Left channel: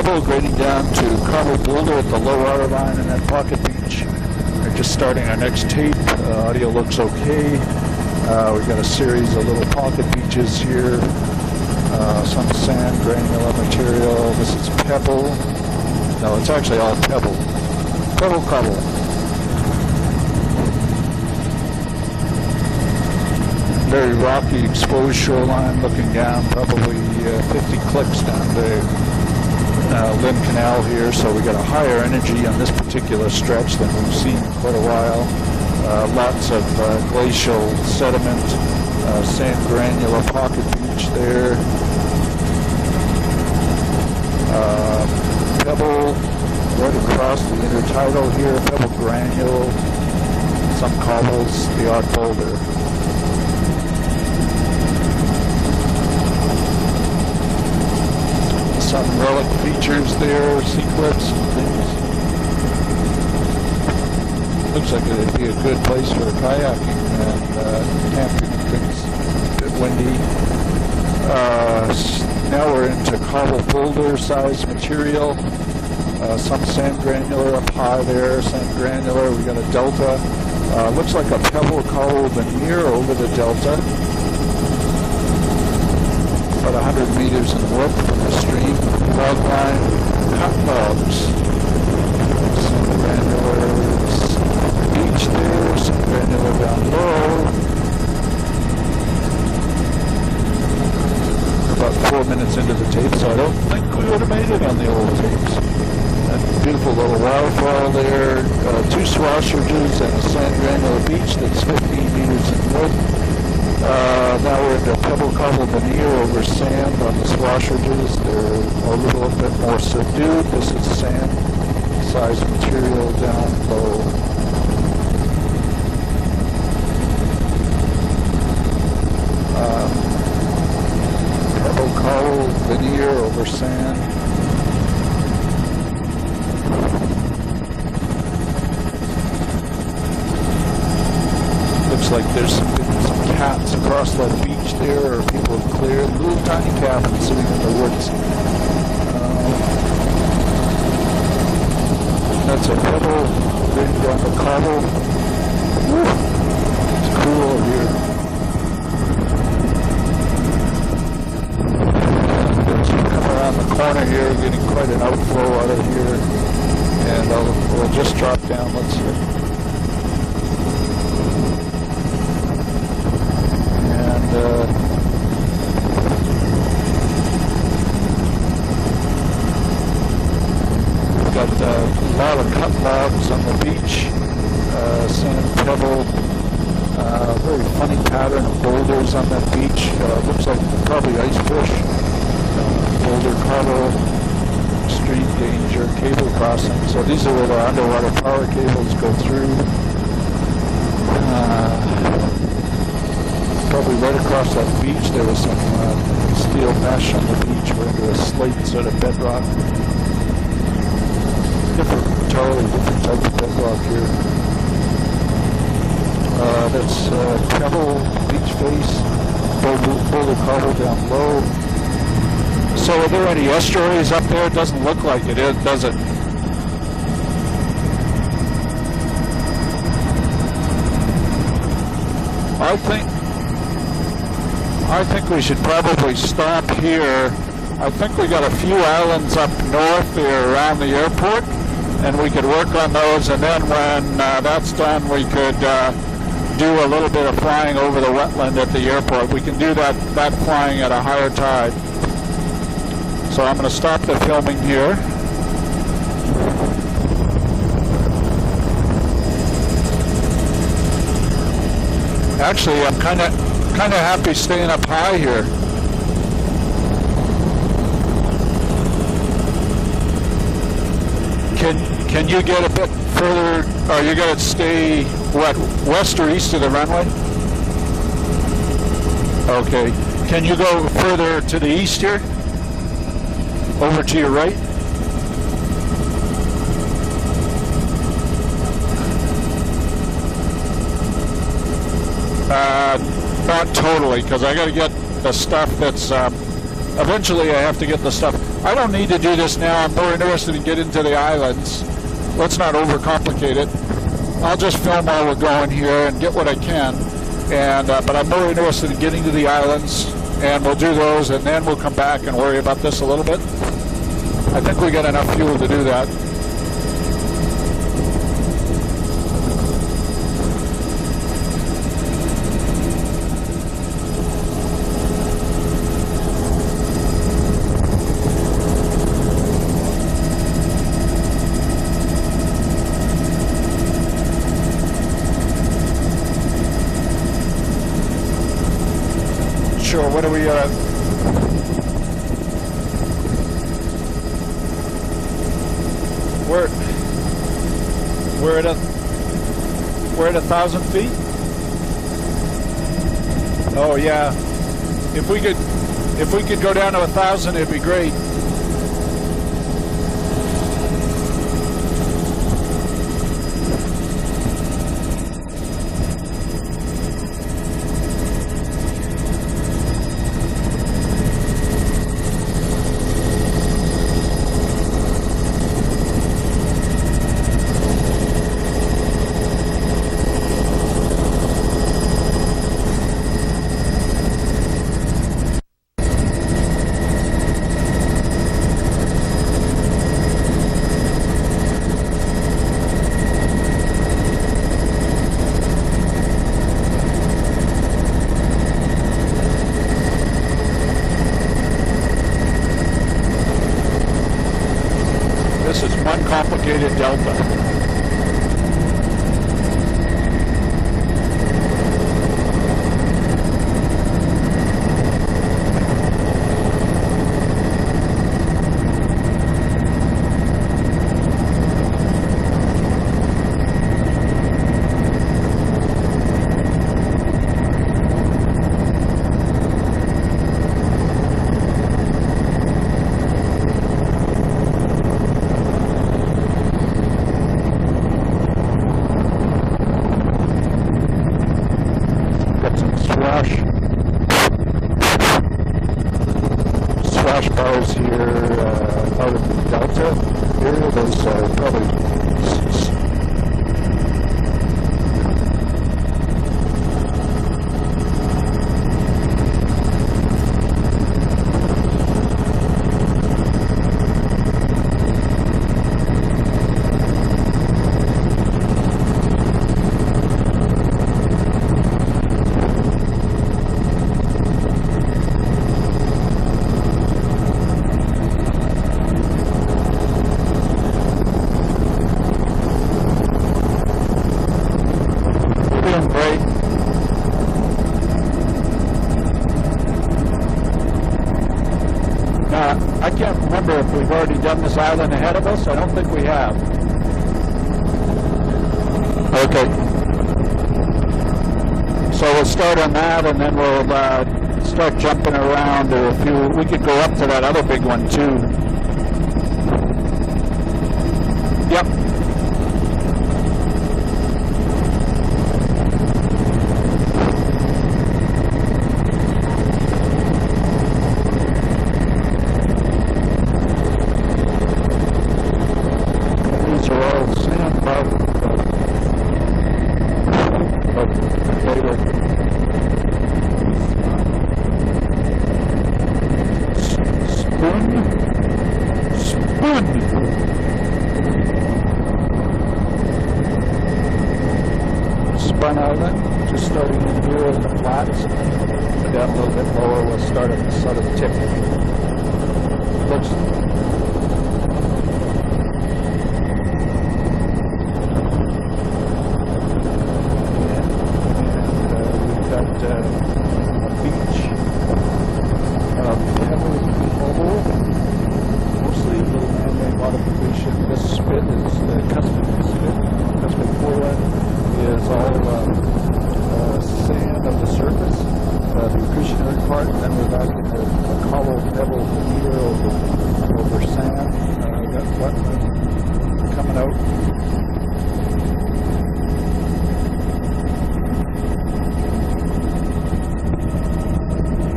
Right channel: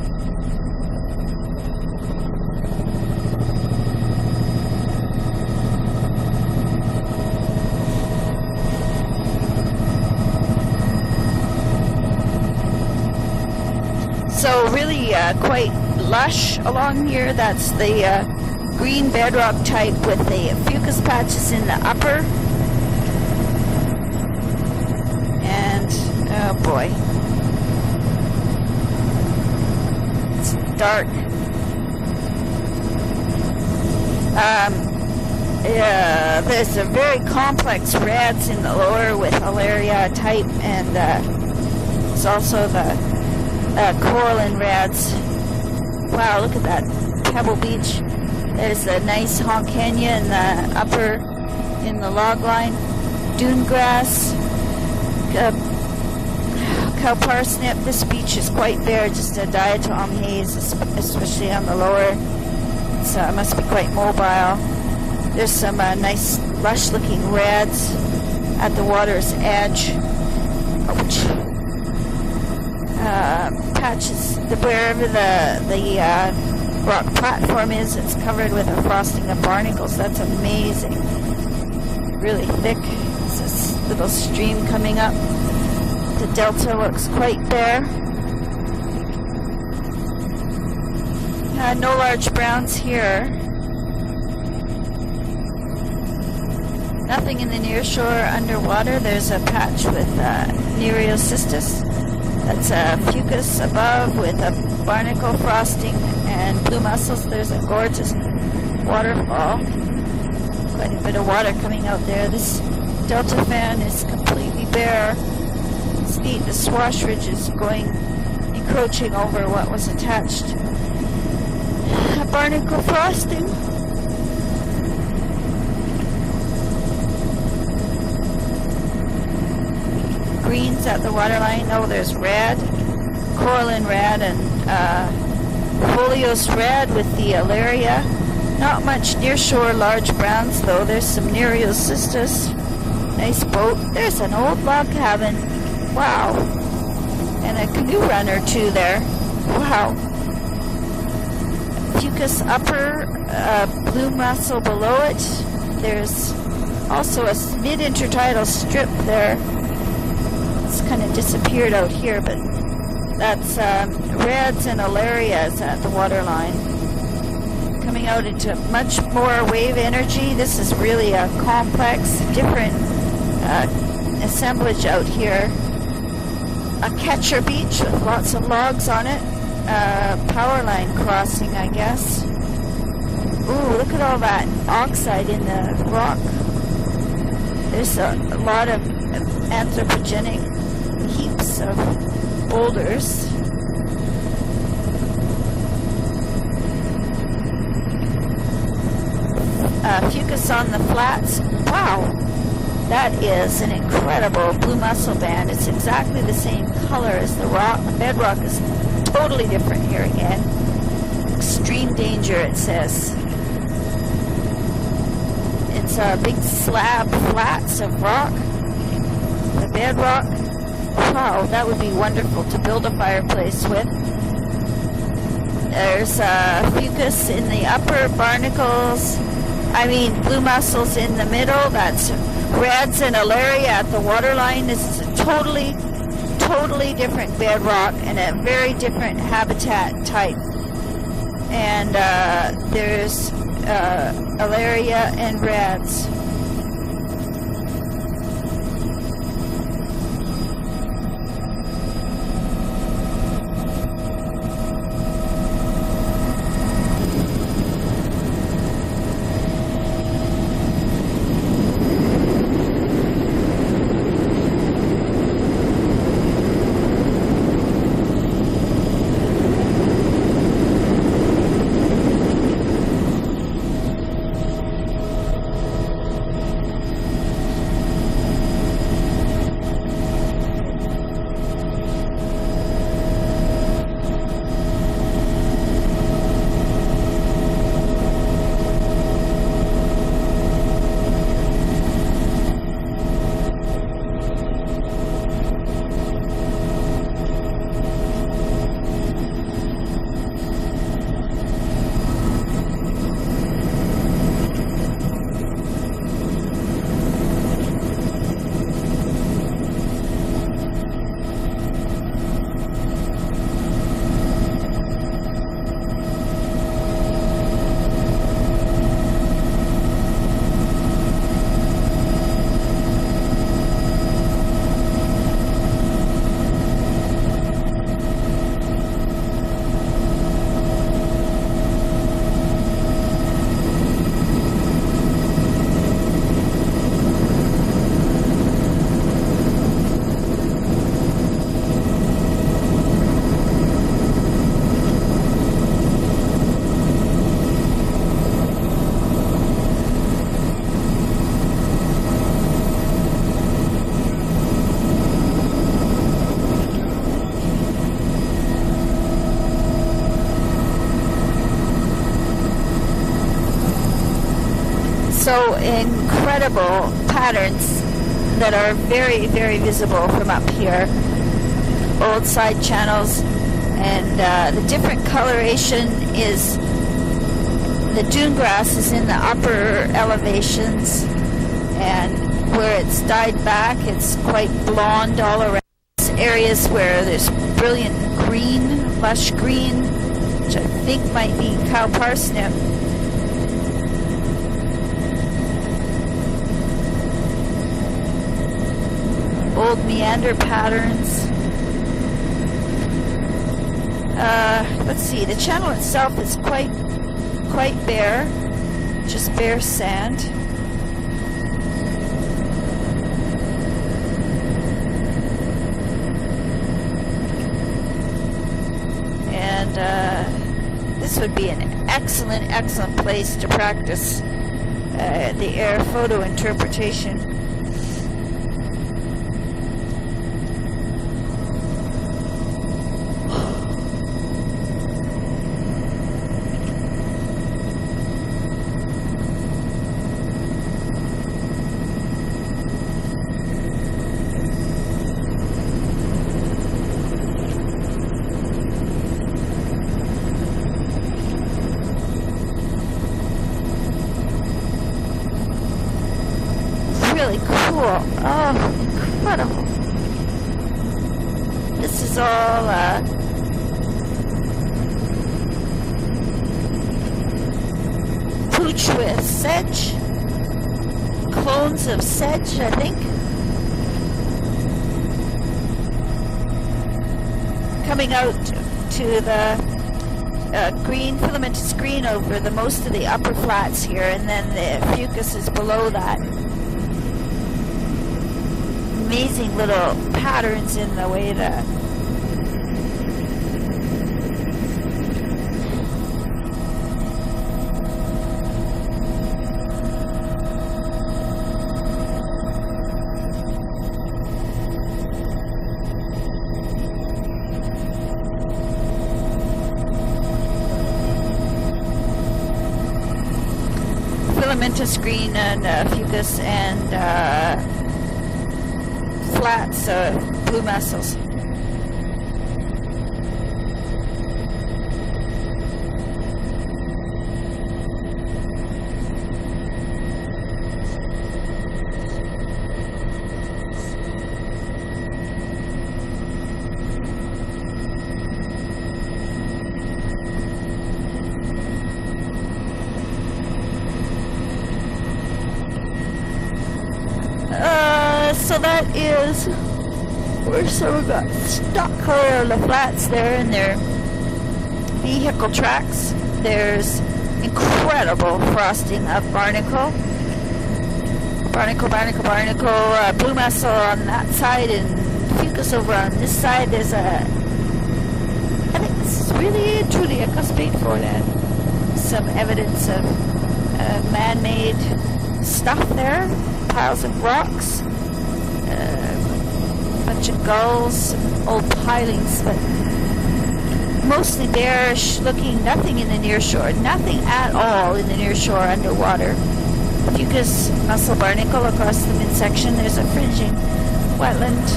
Pebble grading down to Cobble Boulder at the low water line and then Pocket Beach. We're just starting our next tape. Audio looks okay. We've got a series of little pocket beaches here. Some sand, granular material. So really quite lush along here. That's the green bedrock type with the fucus patches in the upper. Very rocky exposed shoreline looking down, probably 50 clicks down the Lynn Canal here, so we got a higher energy on this particular stretch than we've seen for a while. Yeah, there's a very complex reds in the lower with malaria type, and there's also the coral and reds. Wow, look at that. Pebble Beach. There's a nice small canyon in the upper in the log line. Dune grass, cow parsnip. This beach is quite bare, just a diagonal especially on the lower. It must be quite mobile. Looks like there's some nice lush-looking reds at the water's edge. Now we're into Cobble Boulder size wherever material. the rock platform is, it's covered with a frosted barnacles. That's amazing. Looks like a pebble collar really veneer over the delta. Little stream coming up. The delta looks quite there. The stream, log line, cut logs. No large browns here. Beach there, some granular down low. Nothing in the near shore underwater. There's a patch with Nereocystis. About 4 minutes into the tape, so above with a barnacle frosting and blue mussels. Wildflower there, two swashers and a sand granular beach. A bit of water coming out there. This delta fan is now we're there. at the Cobble veneer over The swash ridge is going encroaching over what was attached. This is sand. Barnacle frosting. Greens at the waterline. Oh, there's red, coral and red, and folios red with the alaria. Not much near shore large browns though. There's some Nereocystis. Nice boat. There's an old log cabin. Wow. And a canoe runner too there. Wow. Fucus upper, blue mussel below it. There's also a mid-intertidal strip there. It's kind of disappeared out here, but that's reds and alarias at the waterline. And we'll just drop down. Much more wave energy. This is really a complex, different assemblage out here. A catcher beach with lots of logs on it. Power line crossing, I guess. A lot of cut logs on the beach. Look at all that oxide in the rock. Very funny pattern boulders on that beach. Looks like probably ice fish. Boulders. Boulder cover, stream danger, cable crossing. So these are where the underwater power cables go through. Fucus on the flats. Wow. That is an incredible blue mussel band. It's exactly the same color as the rock. Bedrock is totally different here again. Stream danger, it says. It's a big slab, flats of rock. Bedrock. Wow, that would be wonderful to build a So are there any fireplace. estuaries up there? It doesn't look like it is, does it? There's fucus in the upper, barnacles. I mean, blue mussels in the middle. That's reds and alaria at the waterline. This is I think we should probably stop here. I think we got a few islands up north here around the airport, and we could work on those, and then when that's done, we could do a little bit of flying over the wetland at the airport. We can do that flying at a higher tide. So I'm going to stop the filming here. Actually, I'm kind of happy staying up high here. Can you get a bit further? Or you got to stay west or east of the runway? Okay. Can you go further to the east here? Over to your right? Not totally, because I got to get the stuff that's eventually I have to get the stuff. I don't need to do this now. I'm more interested in getting to the islands. Let's not overcomplicate it. I'll just film while we're going here and get what I can. And but I'm more interested in getting to the islands, and we'll do those, and then we'll come back and worry about this a little bit. I think we got enough fuel to do that. Sure, what are we we're at 1,000 feet. Oh yeah, if we could go down to 1,000, it'd be great. So incredible patterns that are very, very visible from up here. Old side channels, and different coloration is the dune grass is in the upper elevations, and where it's dyed back, it's quite blonde all around. Areas where there's brilliant green, lush green, which I think might be cow parsnip. Old meander patterns. Let's see, the channel This is itself one is complicated delta. quite bare, just bare sand. And this would be an excellent, excellent place to practice the air photo interpretation. Swash bars here out of the delta area. Those are probably Really cool. Oh, incredible. This is all pooch with sedge. Clones of sedge, I think. Coming out to the green, filamentous green over the most of the upper flats here, and then the fucus is below that. great. Amazing little patterns in the way that. I can't remember if we've already done this island ahead of us. I don't think we have. Okay. So we'll start on that, and then we'll start jumping around to a few. We could go up to that other big one too. Yep. Filamentous green and fucus and flats, blue mussels. These are all sandbar. Spun Island, just starting in here. So that is. So we've got stock color of the flats there, and their vehicle tracks. There's incredible frosting of barnacle. Barnacle, blue mussel on that side, and fucus over on this side. There's I think this is really truly a custode for some evidence of man-made stuff there. Piles of rocks, a bunch of gulls, old pilings, but mostly bare, looking nothing in the near shore, nothing at all in the near shore underwater. Fucus mussel barnacle across the midsection. There's a fringing wetland.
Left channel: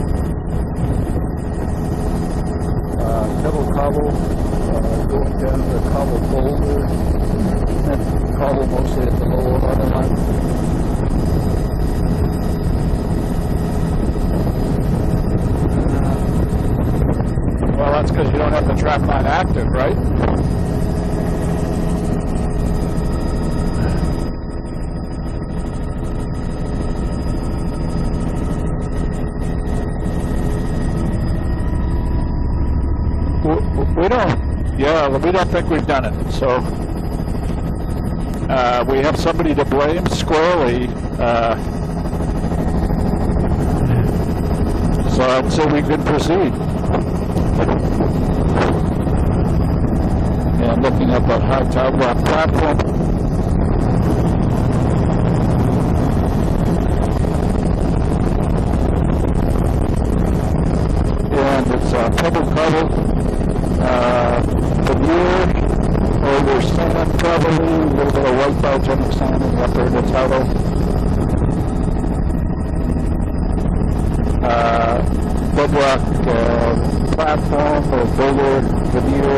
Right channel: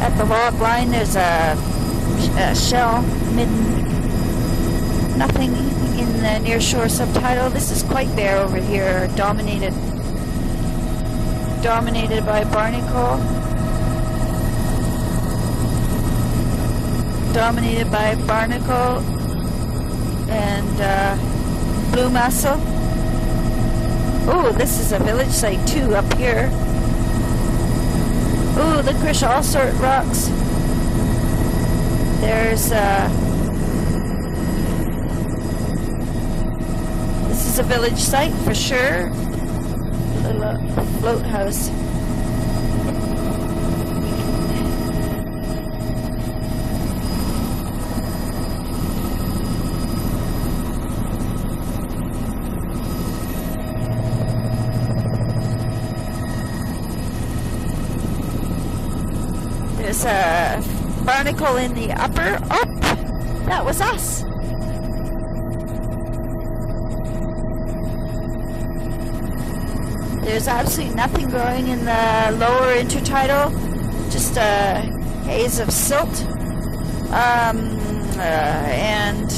at the log line, there's a shell. Nothing in the near shore subtitle. This is quite bare over here, dominated by barnacle. Dominated by barnacle. Active, right? And blue mussel. Oh, this is a village site too up here. Oh, licorice all sort rocks. There's we don't think we've done it. So this is a village site for sure. We have somebody to blame squarely. So I'd say we could proceed. And looking up that high tide rock platform. There's a barnacle in the upper. Oh, that was us. The near over sand, probably a little bit of white bulge on the sand in the upper intertidal. There's absolutely nothing growing in the lower intertidal. Just a haze of silt. And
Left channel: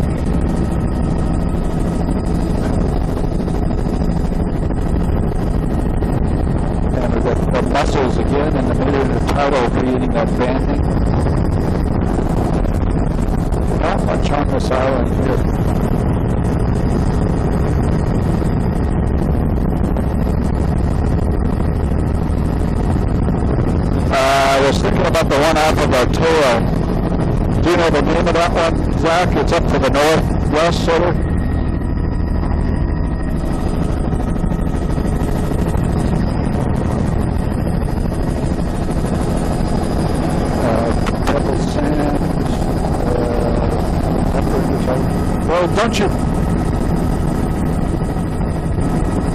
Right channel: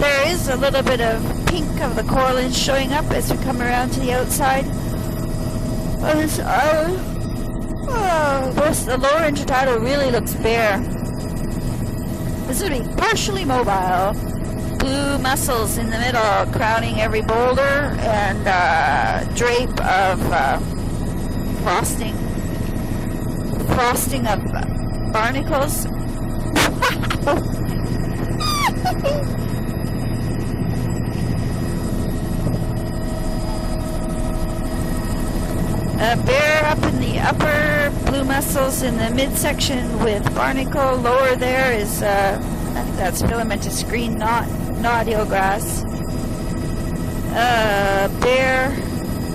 there is a little bit of pink of the coralline showing up as we come around to the outside. Oh, this island. The lower intertidal really looks bare. This would be partially mobile. Blue mussels in the middle, crowding every boulder, and drape of frosting. I was thinking about the one off of Arturo. Do you know the name of that one, Zach? It's up to the northwest, sort of. Bear up in the upper, blue mussels in the midsection with barnacle. Lower there is that's filamentous screen, not eelgrass. Well, don't you? Bear,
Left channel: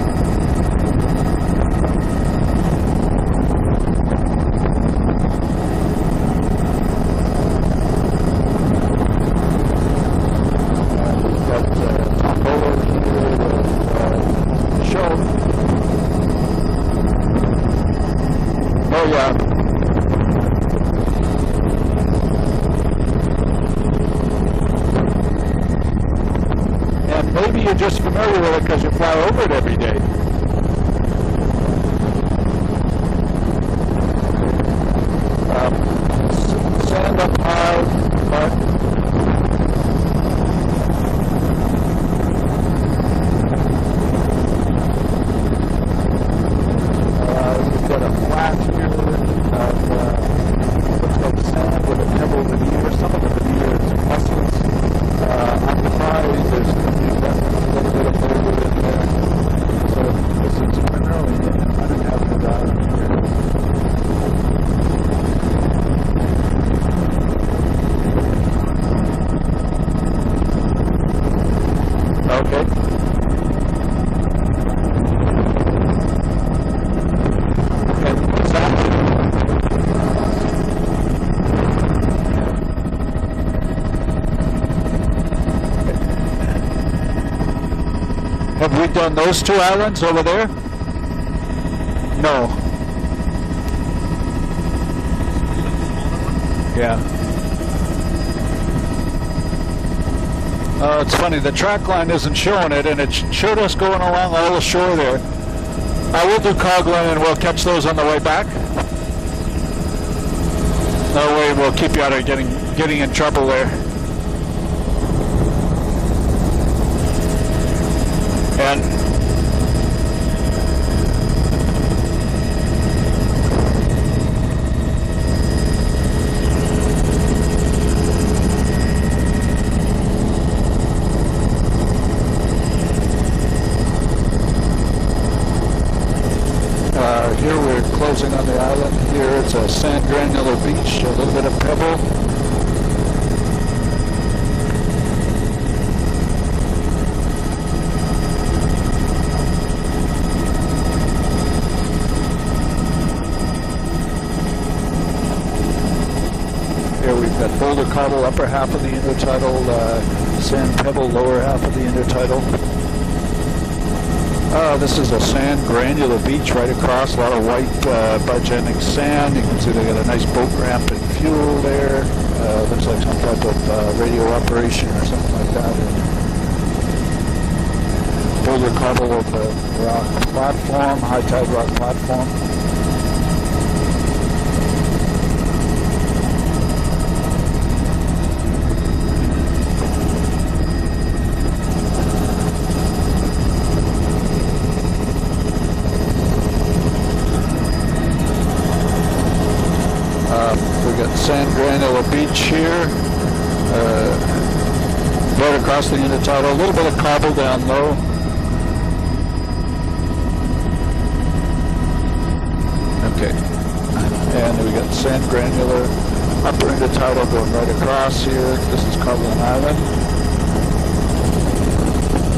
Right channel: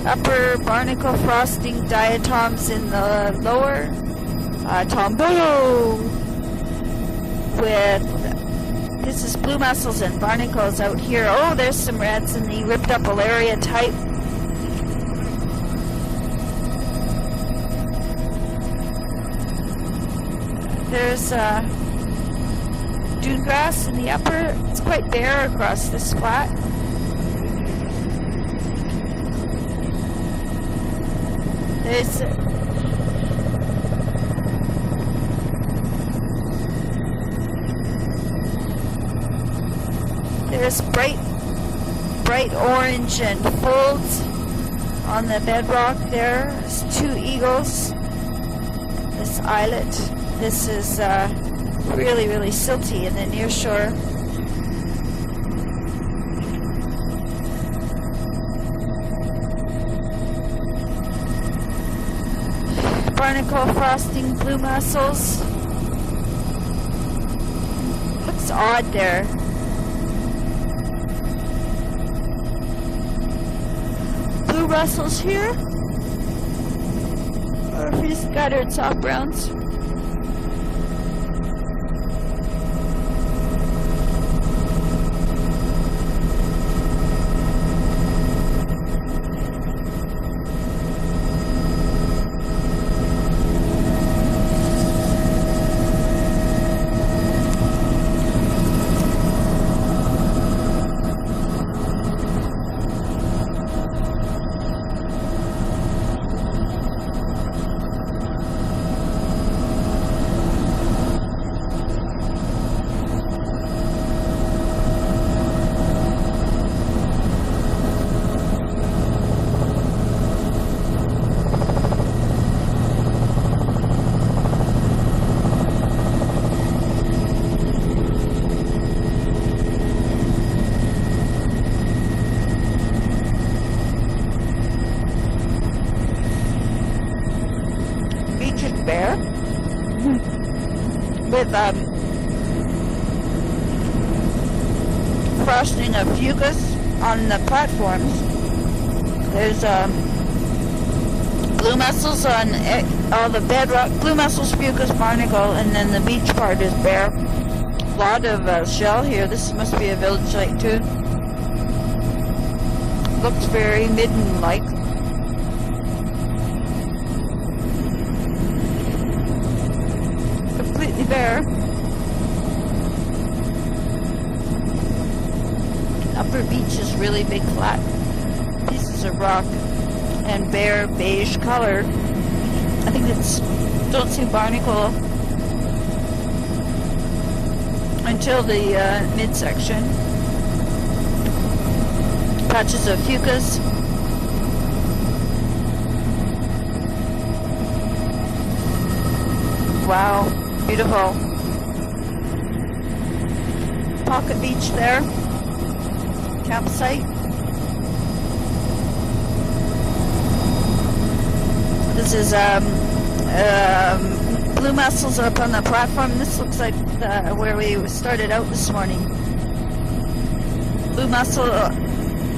upper barnacle frosting diatoms in the lower. Tombono with this is blue mussels and barnacles out here. Oh, there's some reds in the ripped up Alaria type. Sure. Oh yeah. There's dune grass in the upper. It's quite bare across this flat. And maybe you're just familiar with it because you fly over it every day. There's sand up high. There's bright orange and folds on the bedrock there. There's two eagles. This islet. This is really, really silty in the near shore. On the high, there's a little bit of boulder in there. So this is primarily uninhabited. Barnacle frosting, blue mussels. It's odd there. Okay. Blue mussels here. He's got it on grounds. Have we done those two islands over there? No. Yeah. It's funny, the track line isn't showing it, and it showed us going along all the shore there. I will do Coghlan, and we'll catch those on the way back. That way we'll keep you out of getting in trouble there. And here we're closing on the island. Here it's a sand granular beach, a little bit of pebble. Frosting of fucus on the platform. There's blue mussels on all the bedrock, blue mussels, fucus, barnacle, and then the beach part is bare. Here we've got boulder coddle, upper half of the intertidal, sand pebble, lower half of the intertidal. looks very midden-like. This is a sand granular beach right across. A lot of white biogenic sand. You can see they got a nice boat ramp and fuel there. Looks like some type of radio operation or something like that. Upper beach is really big flat. Boulder cobble of rock and bare platform, high beige tide rock color. platform. I think it's, don't see barnacle until the midsection. Patches of fucus. Wow, beautiful. Sand granular beach here. Pocket beach there. Right across the intertidal. A little bit of cobble down low. This is blue mussels up on the platform. This looks like where we started out this morning. Cobble Island. Blue mussel,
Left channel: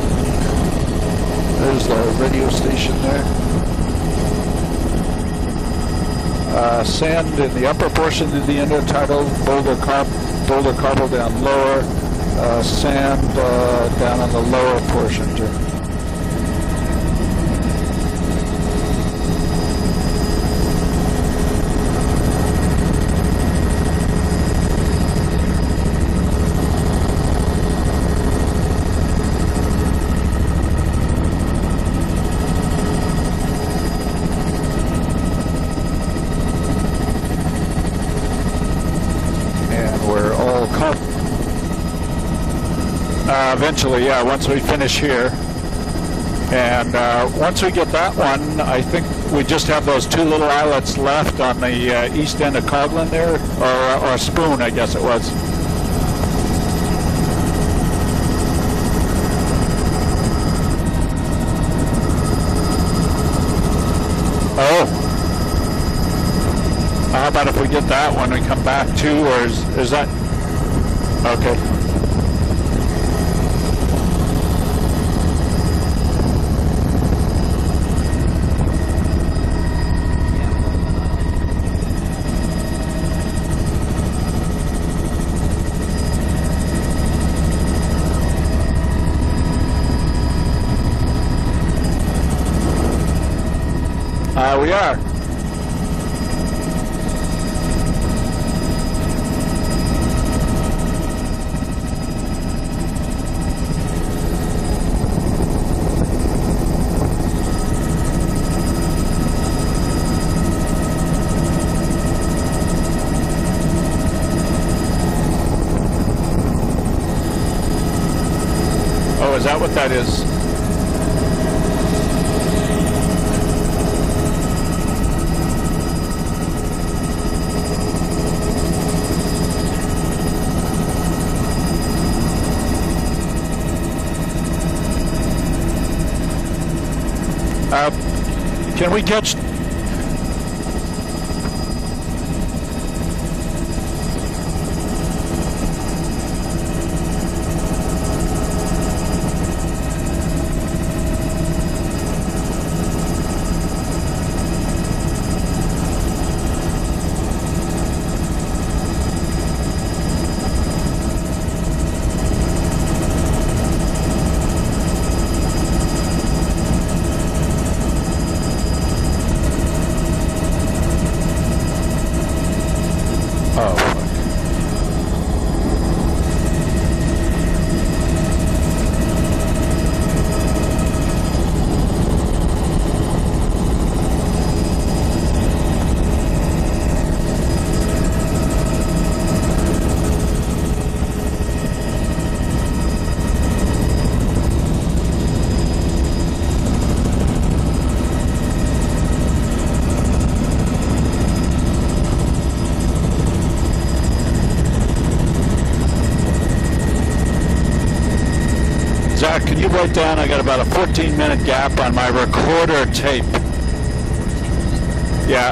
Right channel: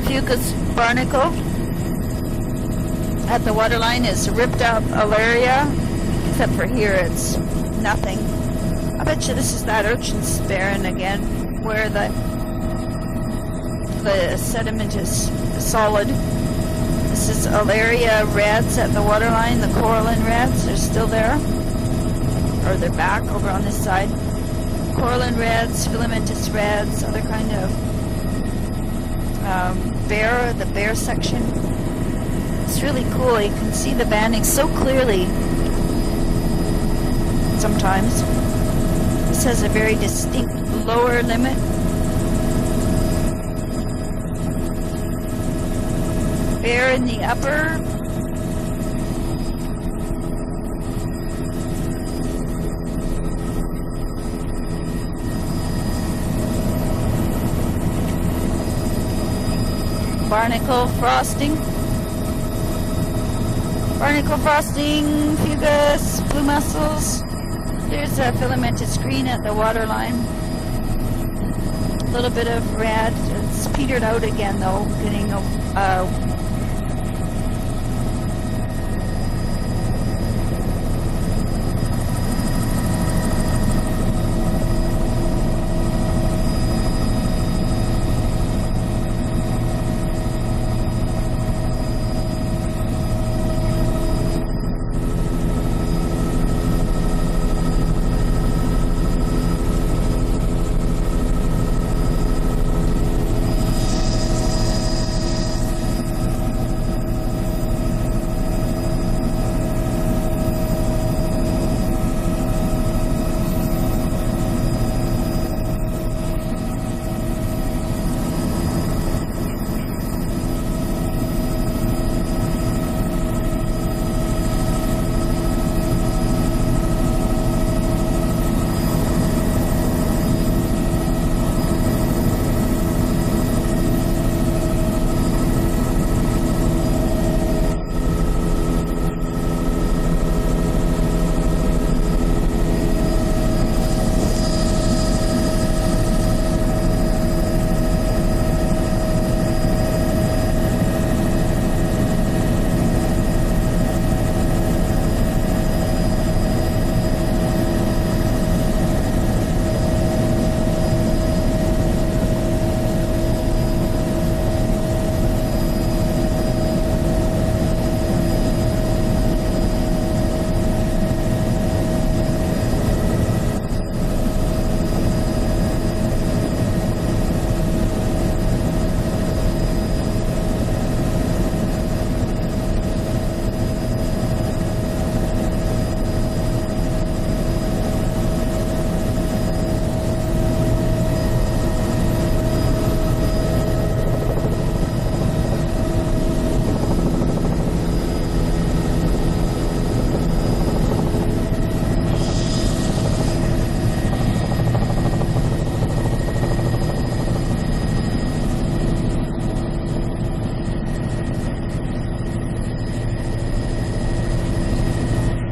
fucus barnacle. There's the radio station there. At the waterline is ripped out alaria. Except for here sand in the upper nothing. portion of the intertidal. Boulder cobble down lower. Sand down in the lower portion. Solid. This is alaria reds at the waterline. The coralline reds are still there. Or they're back over on this side. Coralline reds, filamentous reds, other kind of the bare section. It's really cool. You can see the banding so clearly sometimes. This has a very distinct lower limit. Eventually, yeah, once we finish here. And once we get that one, I think we just have those two little islets left on the east end of Coghlan there, or Spoon, I guess it was. Barnacle frosting. Barnacle frosting, fucus, blue mussels. How about if we get that one and come back to, or is that? Okay. A little bit of red. It's petered out again, though. We are. Oh, is that what that is? Can we catch? Zach, can you write down, I got about a 14-minute gap on my recorder tape. Yeah.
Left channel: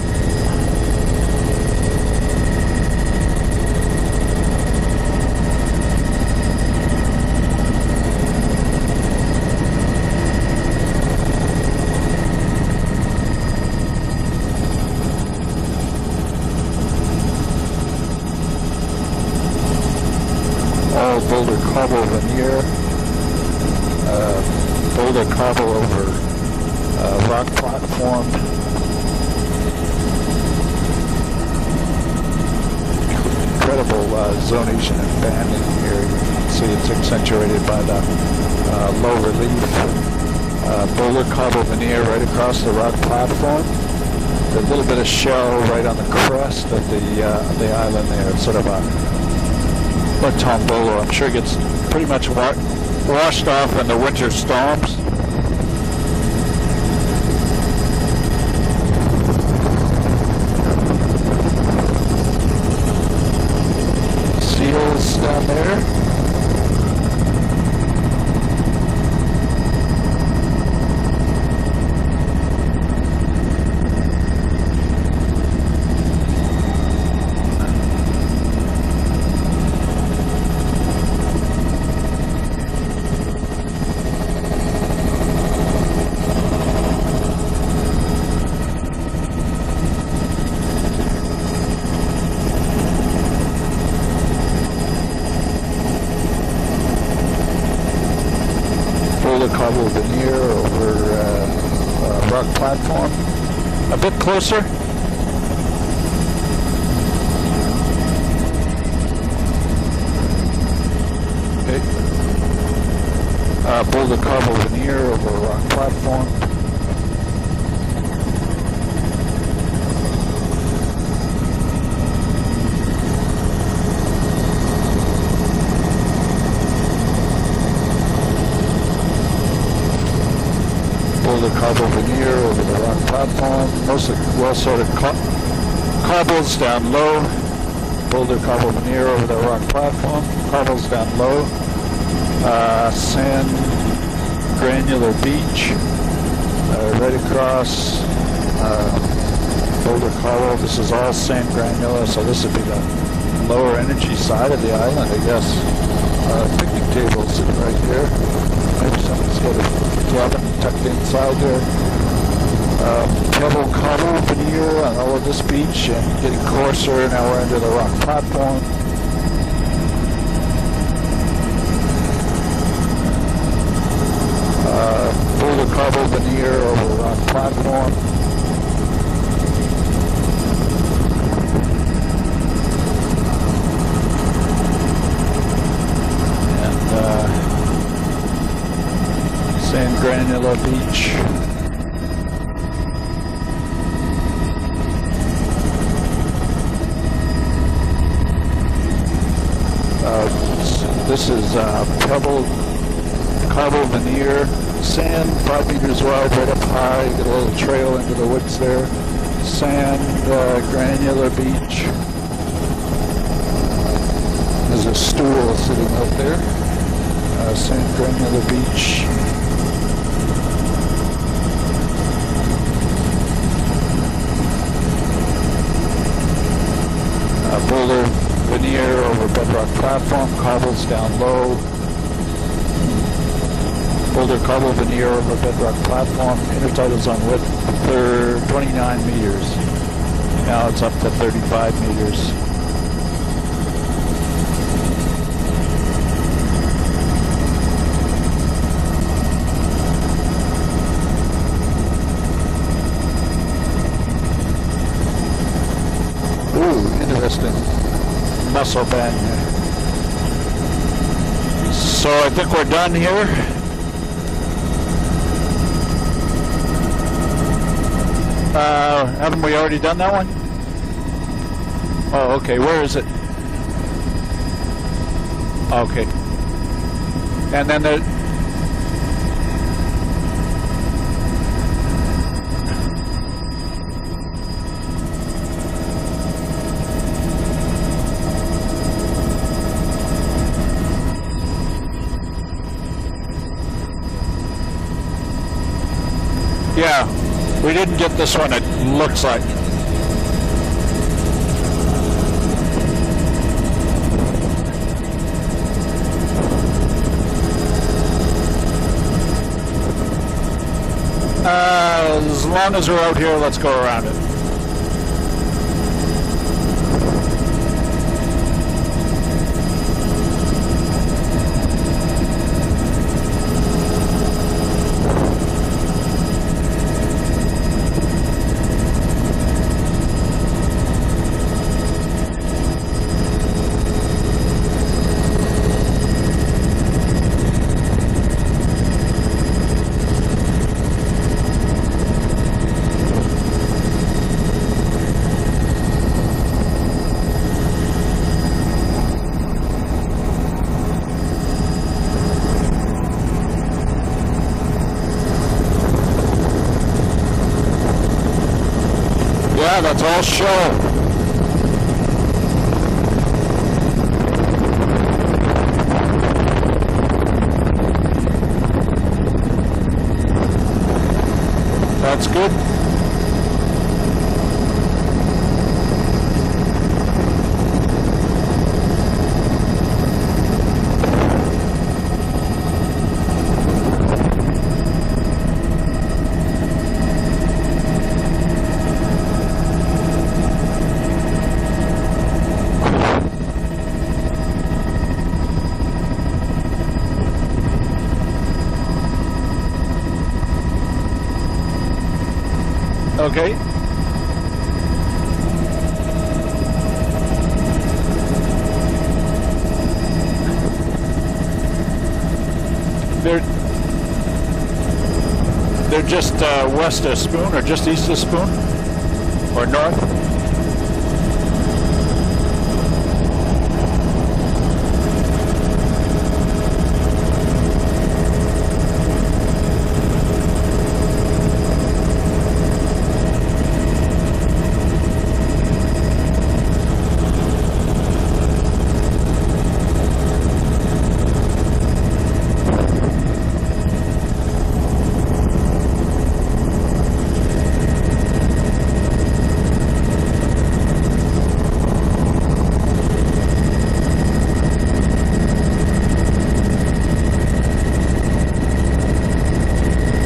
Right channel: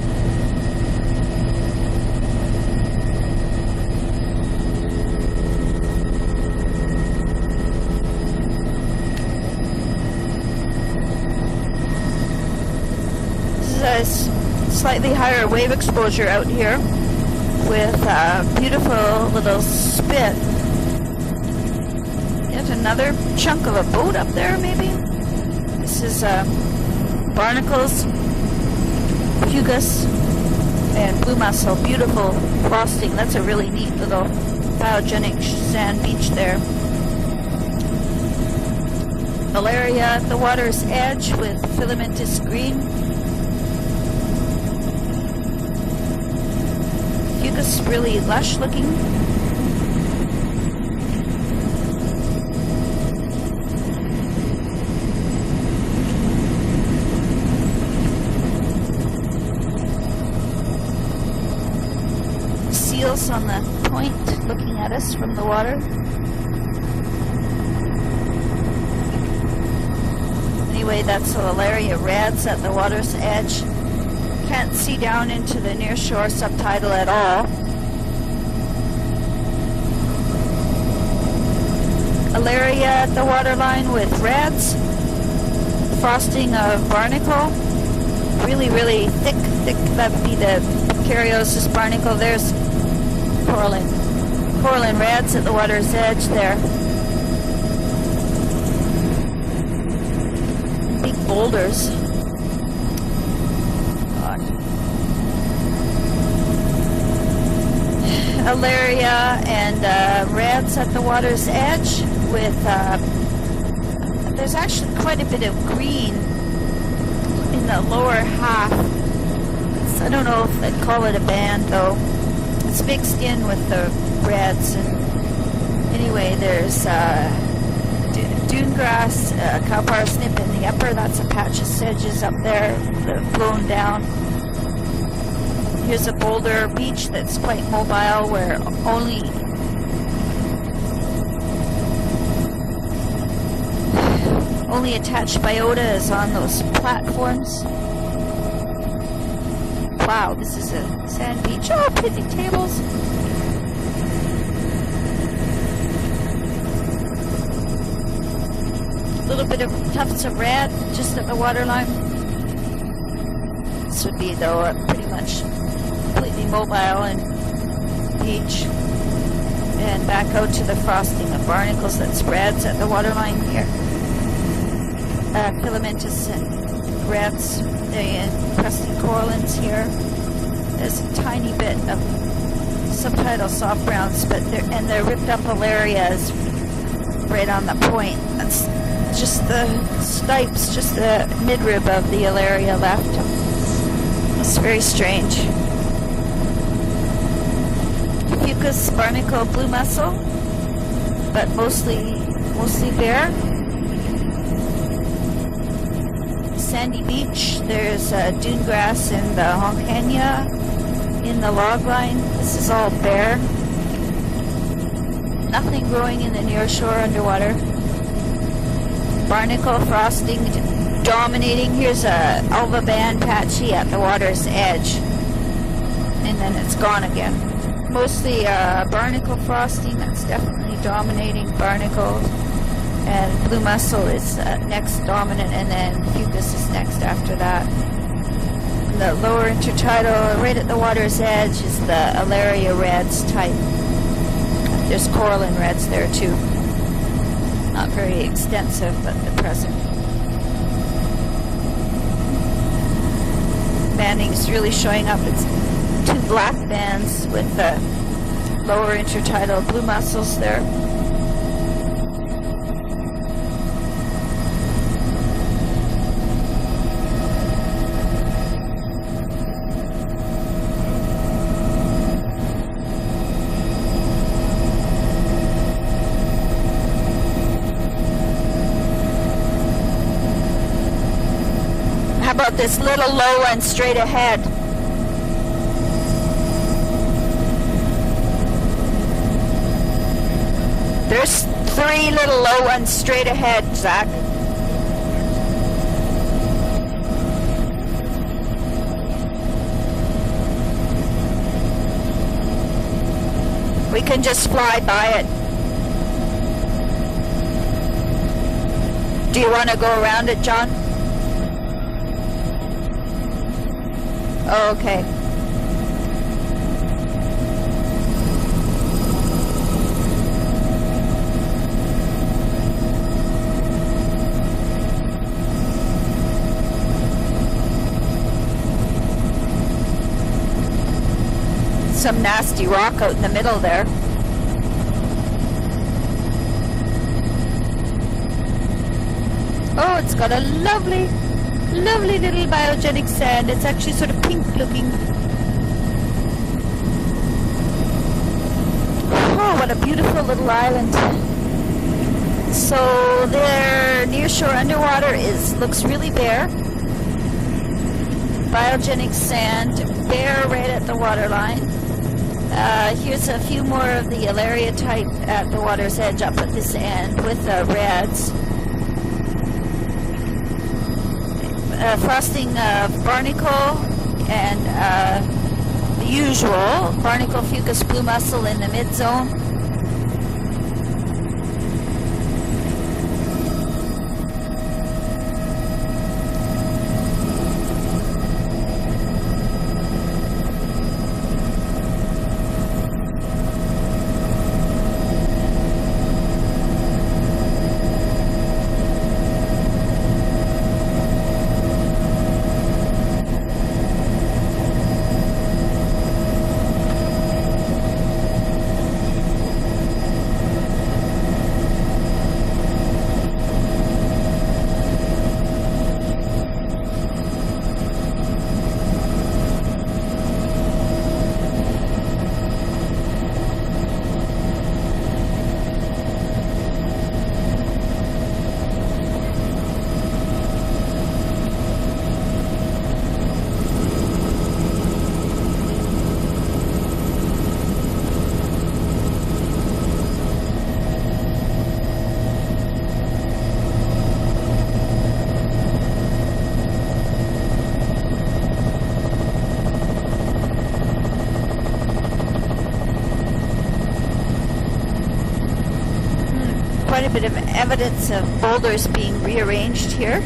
This is a slightly higher wave exposure out here with beautiful little spit. All boulder cobble veneer. There's another chunk of a boat up there, maybe? Boulder cobble over This is barnacles, fugus, and blue mussel. Beautiful frosting. That's a really neat little biogenic sand beach there. See, it's accentuated by the low relief. Malaria at the water's edge. Boulder cobble veneer right across the rock platform. A little bit of shell right on the crest of the island really there. lush Sort of a tombolo. I'm sure it gets pretty much washed off in the winter storms. Seals on the point. Seals down there. Anyway, that's the malaria reds at the water's edge. Can't see down into the nearshore subtidal at all. Alaria at the waterline with reds. Frosting of barnacle. Really, really thick. That'd be the Cariosis barnacle. There's coralline reds at the water's edge there. Boulder cobble veneer over boulders. Rock platform. A bit closer. Alaria and reds at the water's edge with Boulder cobble there's veneer actually quite a over bit rock of green platform. in the lower half. I don't know if they'd call it a band though. It's mixed in with the reds. Anyway, there's dune grass, cowbar snip, and the upper. That's Boulder patches cobble edges veneer up there. over the rock platform. Down. Well sort of Here's a cobbles boulder down beach low. that's quite mobile. Boulder where cobble veneer over only the rock platform. Cobbles down low. Sand granular attached beach. biota is on those platforms. Right across Boulder cobble. This is all sand granular, so this would be the lower energy side of the island, I guess. Picnic tables sitting right here. Maybe some A little bit of tufts of red just at the waterline. Pebble cobble Sweet, veneer on all of this beach and getting closer. Now we're into the rock platform. Beach. And back out to the frosting of barnacles that's reds at the waterline here. Boulder cobble veneer over the rock Reds, platform. the crescent corallines here. There's a tiny bit of subtidal soft ground spit there, and the ripped up alarias right on the point. That's just the stipes, just the midrib of the alaria left. It's very strange. Fucus, barnacle, blue mussel. This is mostly bare. Cobble veneer, sand 5 meters wide, right up high, a little trail into the woods there. Grass and Sand, granular beach. The log line, this is all bare. There's a stool Nothing sitting growing right in there. the near shore underwater. Sand granular beach. Barnacle frosting dominating. Here's a alba band patchy at the water's edge. And then it's gone again. Boulder Mostly veneer over barnacle bedrock frosting. platform, cobbles down Dominating low. barnacle. And blue mussel is Boulder cobble next veneer over dominant, bedrock and then platform. fucus is Intertidal's on after width that. 29 The meters. lower intertidal, right Now at the it's up to water's edge, 35 is the meters. alaria reds type. There's coralline reds there too. Not very extensive, but impressive. Banding's really showing up. It's two black bands with the Mussel lower band. intertidal blue mussels there. So I think we're done here. Haven't we already done that one? Oh, okay. Where is it? Okay. And then the... How about this little low one straight ahead? There's 3 little low ones straight ahead, Zach. Yeah, we didn't get this one, it looks like. We can just fly by it. Do you want to go around it, John? As long as we're out here, let's go around it. Oh, okay. actually sort of pink looking. Oh, what a beautiful little island. So their nearshore underwater looks really bare. Biogenic sand. Yeah, that's all shown. At the waterline. Here's a few more of the Alaria type at the water's edge up in the sand with the reds. That's good. Barnacle and the usual barnacle, fucus, blue mussel in the mid-zone. Okay. They're just west of Spoon, or just east of Spoon, or north. Evidence of boulders being rearranged here,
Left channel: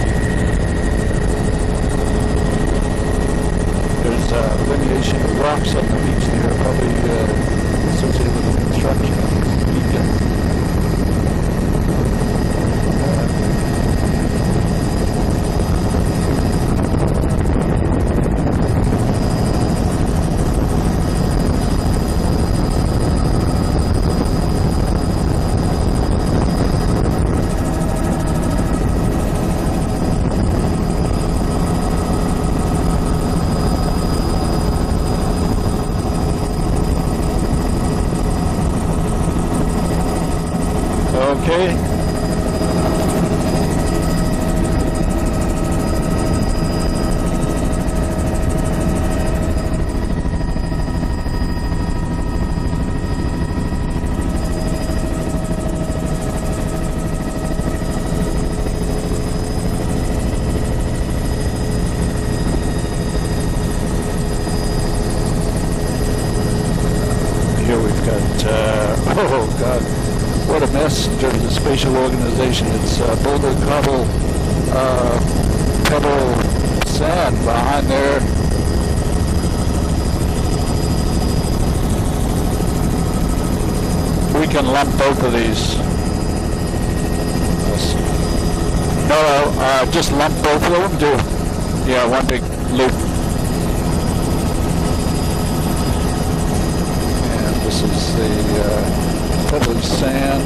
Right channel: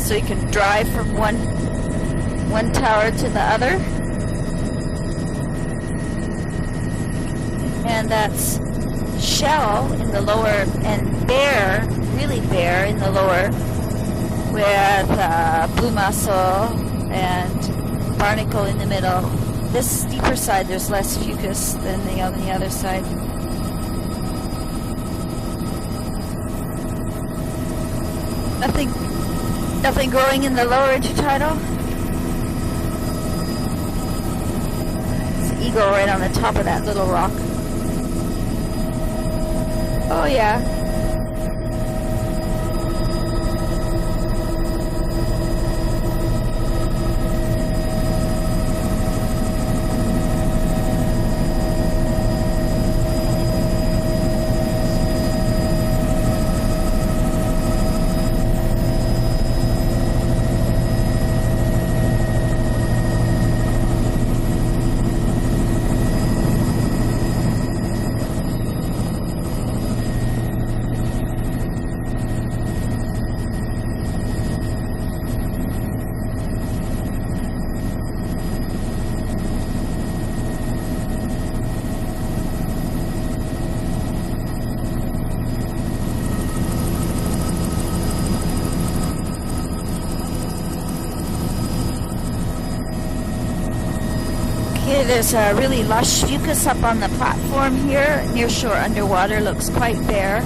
so you can drive from one tower to the other. There's lineation of rocks on the beach there, probably. And that's shell in the lower, and bare, really bare in the lower, with blue mussel and barnacle in the middle. This steeper side, there's less fucus than on the other side. Nothing growing in the lower intertidal. There's an eagle right on the top of that little rock. Oh yeah. Okay. Oh God, what a mess in terms of spatial organization. It's boulder, cobble, pebble, sand behind there. We can lump both of these. No, just lump both of them too. Yeah, one big loop. There's a really lush fucus up on the platform here. Nearshore underwater looks quite bare.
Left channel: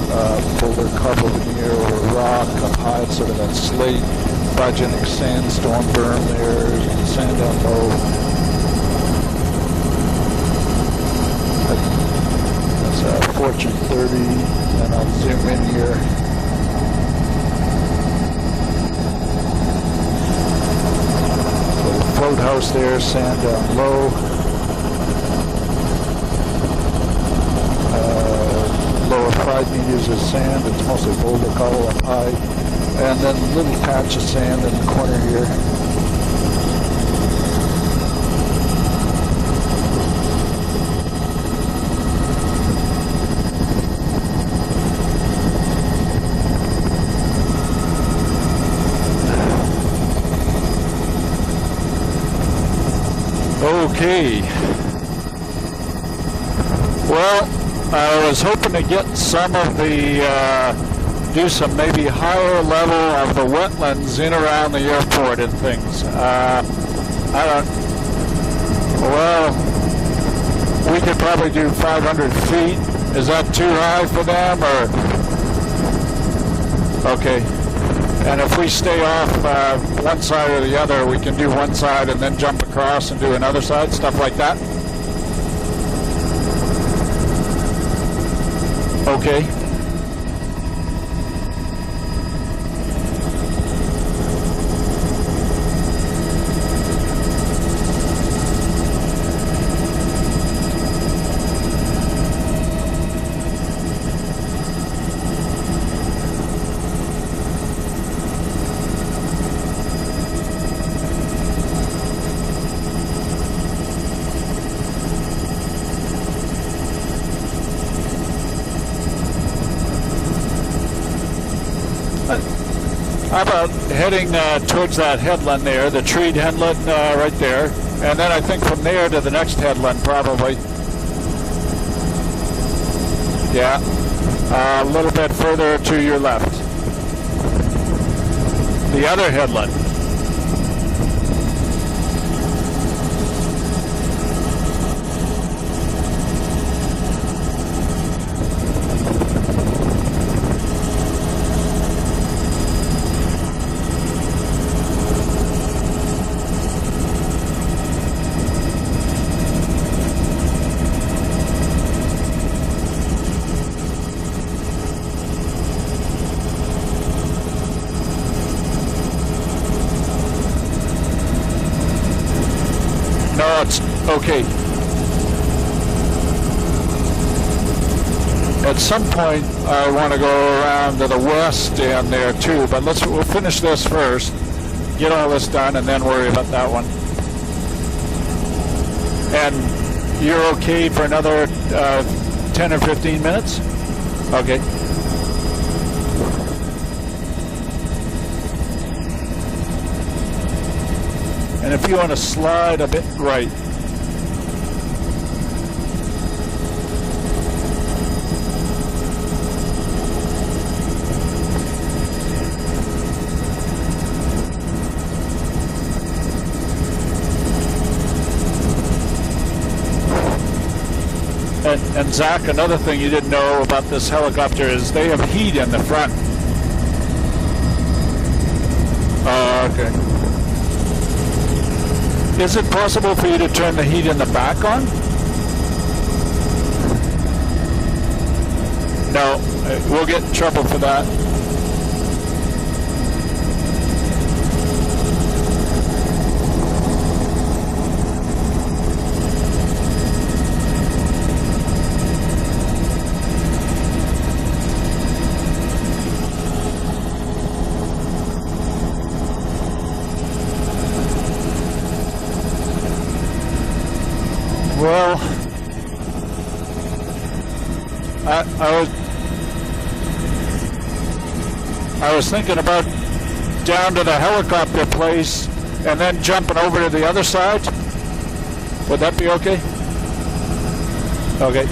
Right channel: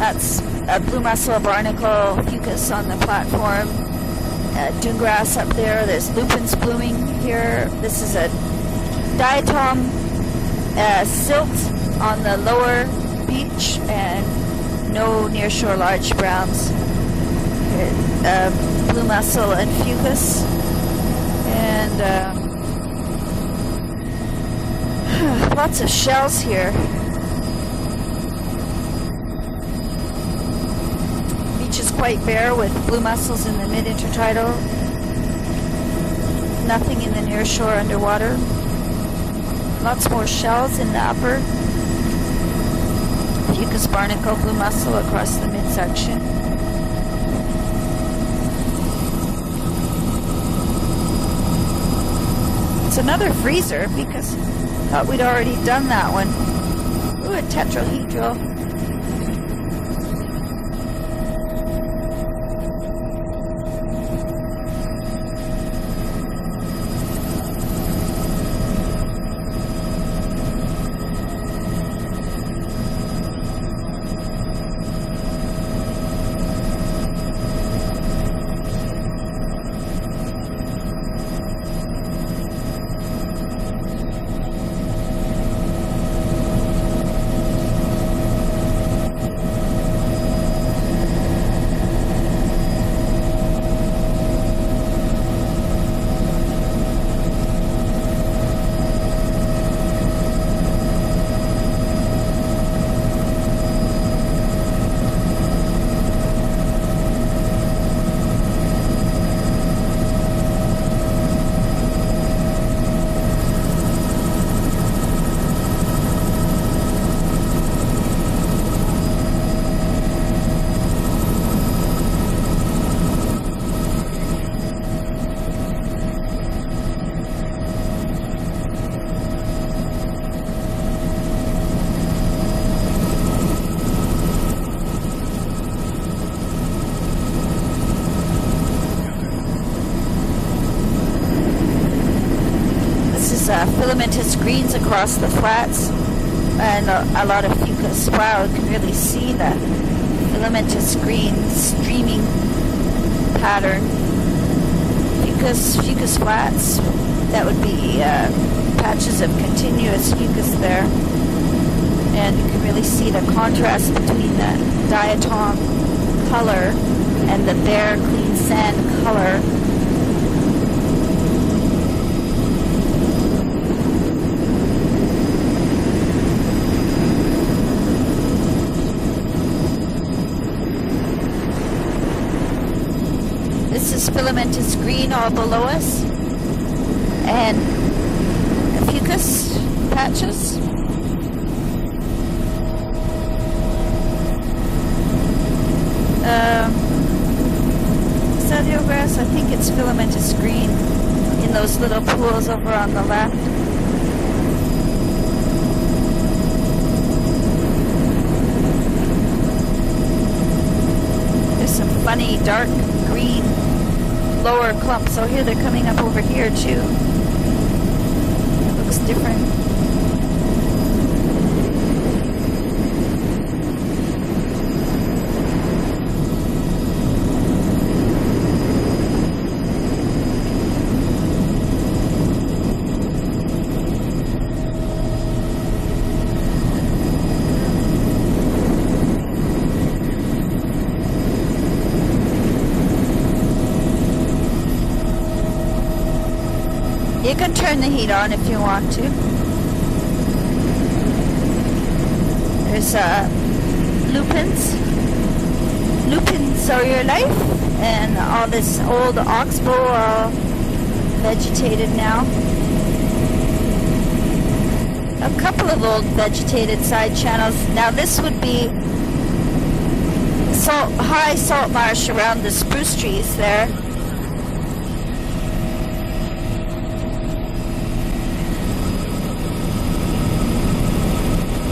That's a blue mussel barnacle fucus on the platform. Grass up there. There's lupins blooming here. This is a diatom silt on the lower beach, and no nearshore large browns. Blue mussel and fucus. Float house there, sand down low. Lots of shells here. Lower 5 meters of sand. It's mostly boulder color. Which is quite bare with blue mussels in the mid-intertidal. In the corner here. Nothing in the nearshore underwater. Lots more shells in the upper. Fucus barnacle, blue mussel across the midsection. Another freezer. Okay. Thought we'd already done that one. Well, I was hoping to get some of the, do some maybe higher level of the wetlands in around the airport and things. I don't, well, we could probably do 500 feet. Is that too high for them, or? Okay. And if we stay off one side or the other, we can do one side and then jump across and do another side, stuff like that. Okay. How about heading towards that headland there, the treed headland right there, and then I think from there to the next headland probably. Yeah, a little bit further to your left. The other headland. This is filamentous greens across the flats and a lot of fucus. Wow, you can really see that filamentous green streaming pattern. Fucus flats, that would be patches of continuous fucus there. And you can really see the contrast between the diatom color and the bare clean sand color. No, it's okay. At some point, I want to go around to the west end there too, but we'll finish this first. Filamentous green, get all this done, and then worry about that one. And fucus patches. You're okay for another 10 or 15 minutes? Okay. Sadio grass, I think it's filamentous green in those and if you little want to pools slide over a on the bit left. right. Funny dark green lower clumps. Oh, here they're coming up over here too. Looks different. And Zach, another thing you didn't know about this helicopter is they have heat in the front. Oh, okay. Is it possible for you to turn the heat in the back on? No, we'll get in trouble for that. You can turn the heat on if you want to. There's lupins. Lupins are your life. And all this old oxbow all vegetated now. Well, a couple of old vegetated side channels. Now this would be high salt marsh around the spruce trees there. Down to the helicopter place and then jumping over to the other side. Would that be okay? Okay.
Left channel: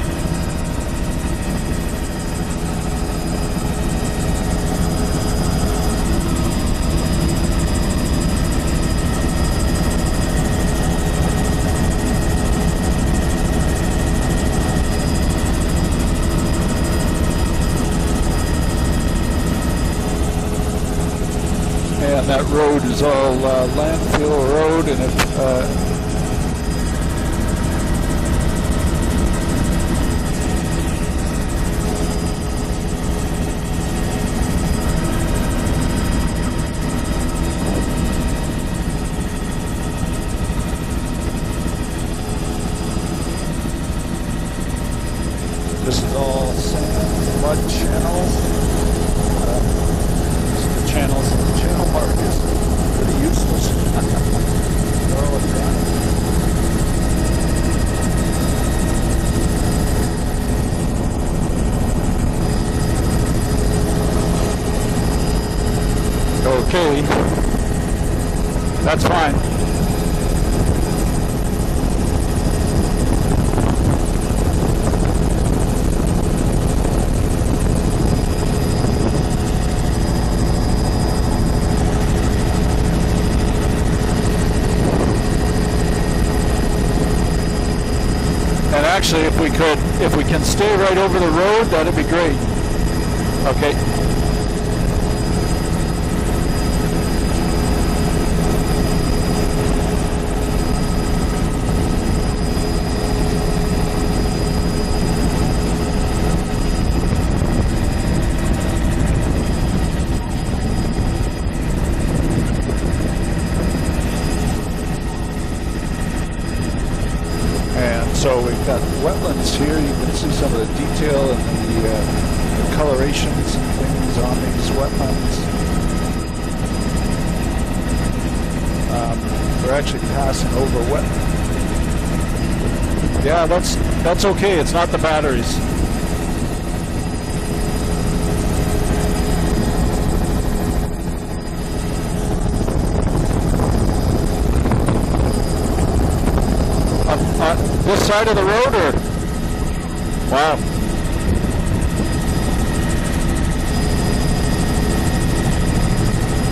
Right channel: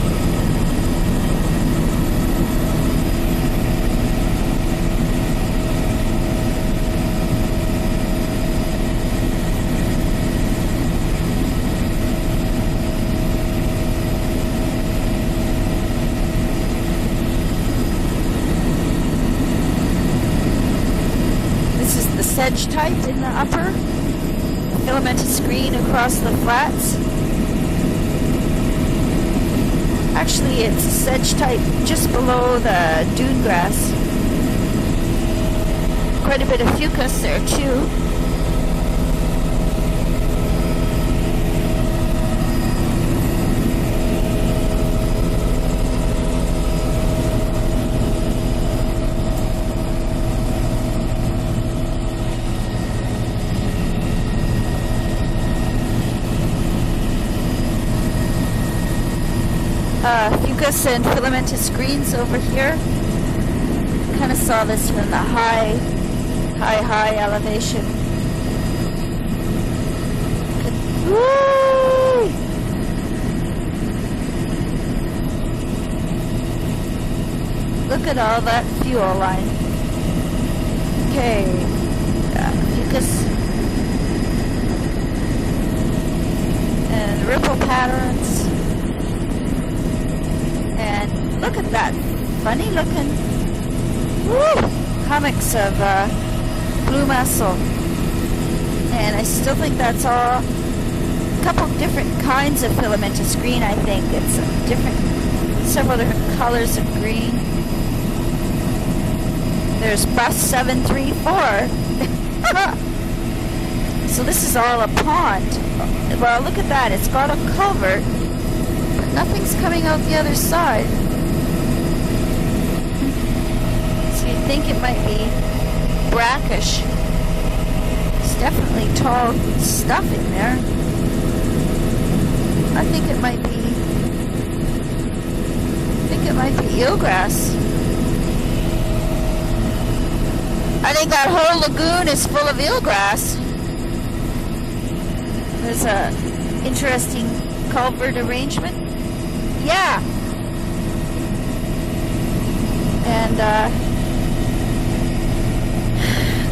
That road is all landfill road. Filamentous green across the flats. Actually, it's sedge type just below the dune grass. Quite a bit of fucus there too. This is all mud channels. Channels and the channel mark is pretty useless. Fucus and filamentous greens over here. Kind of saw this from a high elevation. That's fine. Woo! Look at all that fuel line. Okay. Fucus. And ripple patterns. And actually, if we can stay right over the road, that'd be great. Funny looking. Okay. Woo! Hummocks of blue mussel. And I still think that's all. A couple of different kinds of filamentous green, I think. It's several different colors of green. There's se04. So this is all a pond. Well, look at that. It's got a culvert. And so we've got wetlands. Nothing's coming out the other side. Detail and the colorations and things So on you think these it might wetlands. be brackish. It's definitely tall We're stuff actually in passing there. over wetlands. I think it might. Yeah, be, that's okay. It's not the batteries. I think it might be eelgrass. I think that whole lagoon is full of eelgrass. There's a interesting culvert. This side of the road, or? Yeah. Wow. And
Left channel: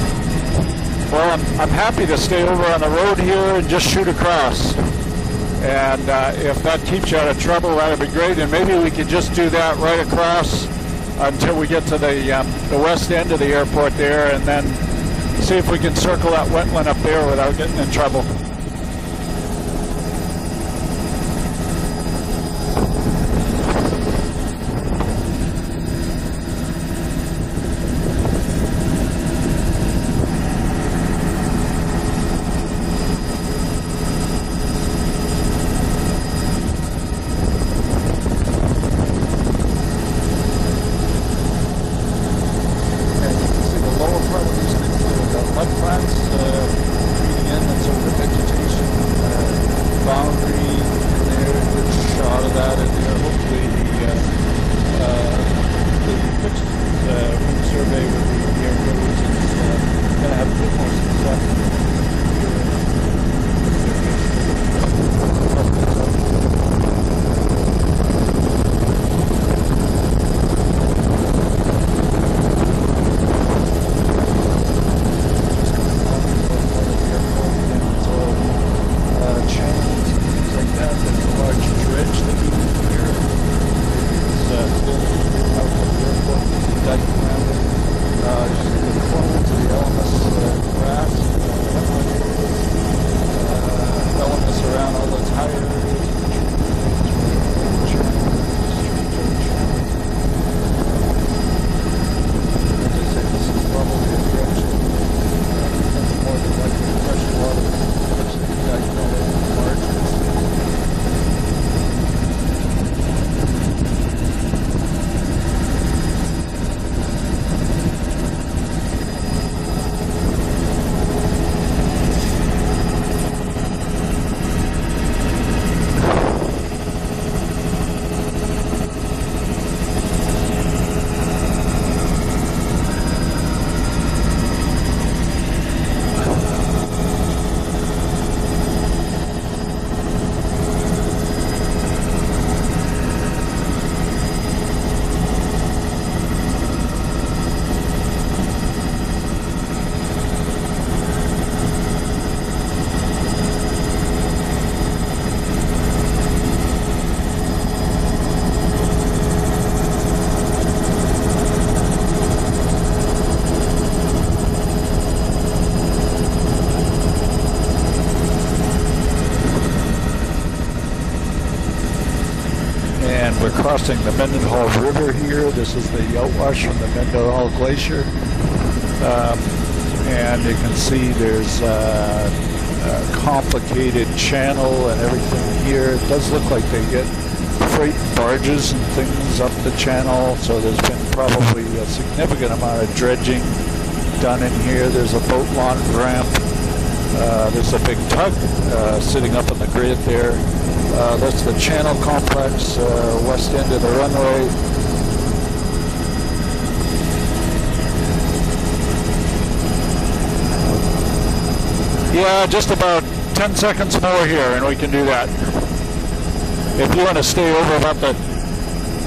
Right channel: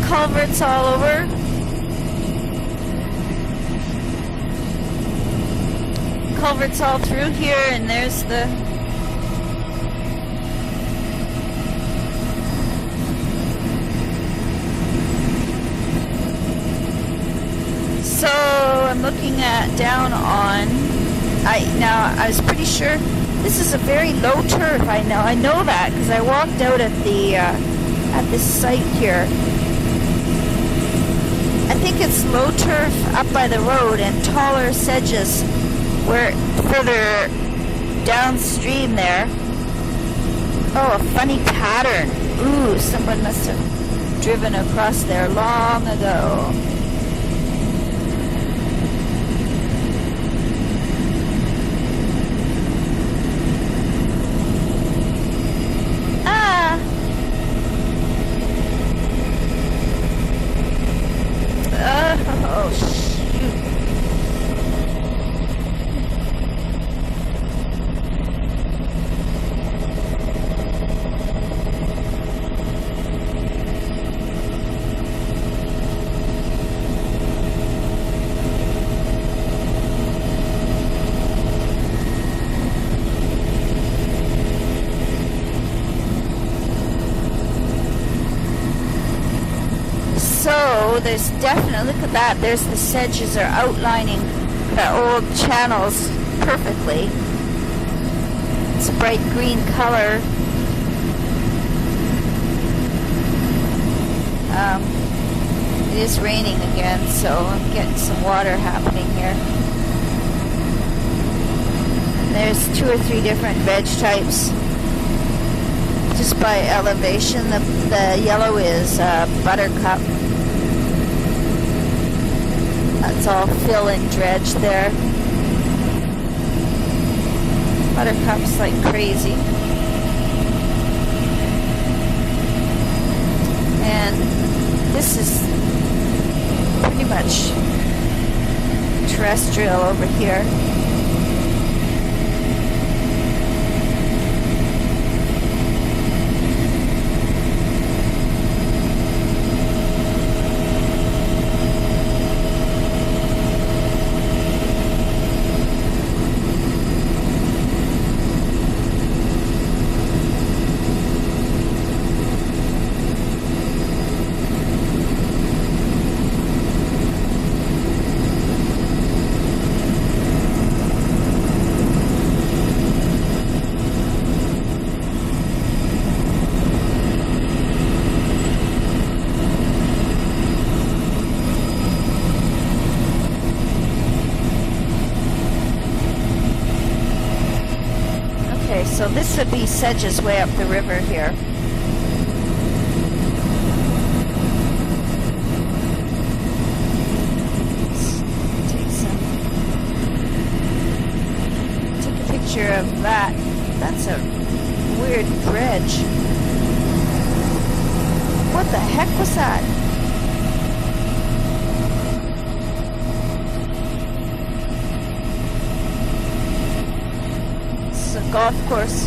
culverts all over. Well, I'm happy to stay over on the road here and just shoot across. And if Culverts that all keeps you out of through here, trouble, and that'd be there's great. the- And maybe we could just do that right across until we get to the west end of the airport there, and then see if we can circle that wetland up there without getting in trouble. So I'm looking at down on. I was pretty sure this is a very low turf. I know that because I walked out at this site here. I think it's low turf up by the road and taller sedges where further downstream there. Oh, a funny pattern. Ooh, someone must have driven across there long ago. Again, that's over vegetation. Boundary, there's a shot of that in there. Hopefully the survey will be here. Going to have a bit more success. There's the sedges are outlining the old channels perfectly. It's a bright green color. It is raining again, so I'm getting some water happening here. There's 2 or 3 different veg types. Just by elevation, the yellow is buttercup. It's all fill and dredge there. Buttercups like crazy. And this is pretty much terrestrial over here. Crossing the Mendenhall River here. This is the outwash from the Mendenhall Glacier. And you can see there's a complicated channel and everything here. It does look like they get freight barges and things up the channel. So there's probably a significant amount of dredging done in here. There's a boat launch ramp. There's a big tug sitting up on the grid there. That's the channel complex, west end of the runway. Weird bridge. What the heck was that? Yeah, just about 10 seconds more here and we can do that. If you want to stay over about the golf course.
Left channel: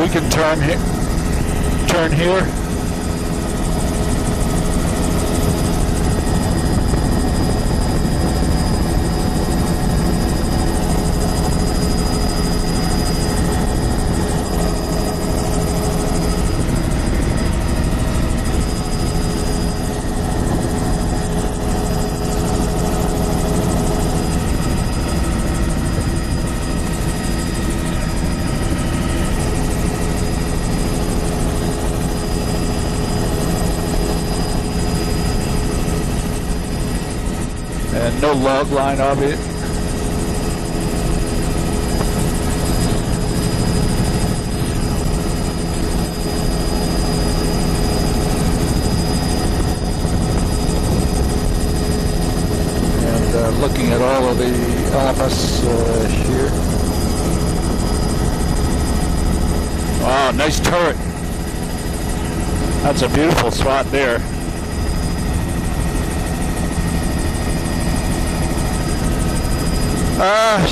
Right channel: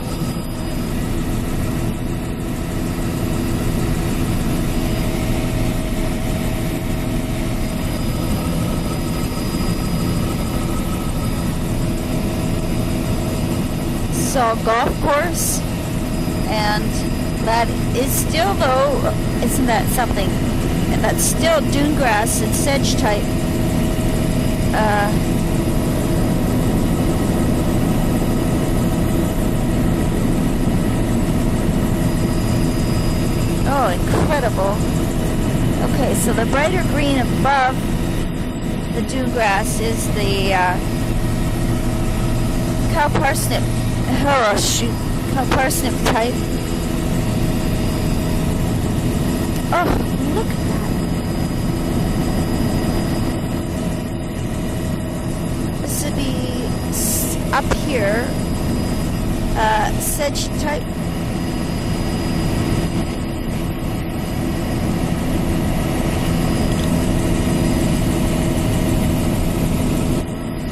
We can turn here. still dune grass and sedge type. Oh, incredible. Okay, so the brighter green above no log line the obviously. dune grass is the cow parsnip, cow parsnip type. Oh, look. And looking at all of the elements here. Up here. Wow, nice turret. That's a beautiful spot there.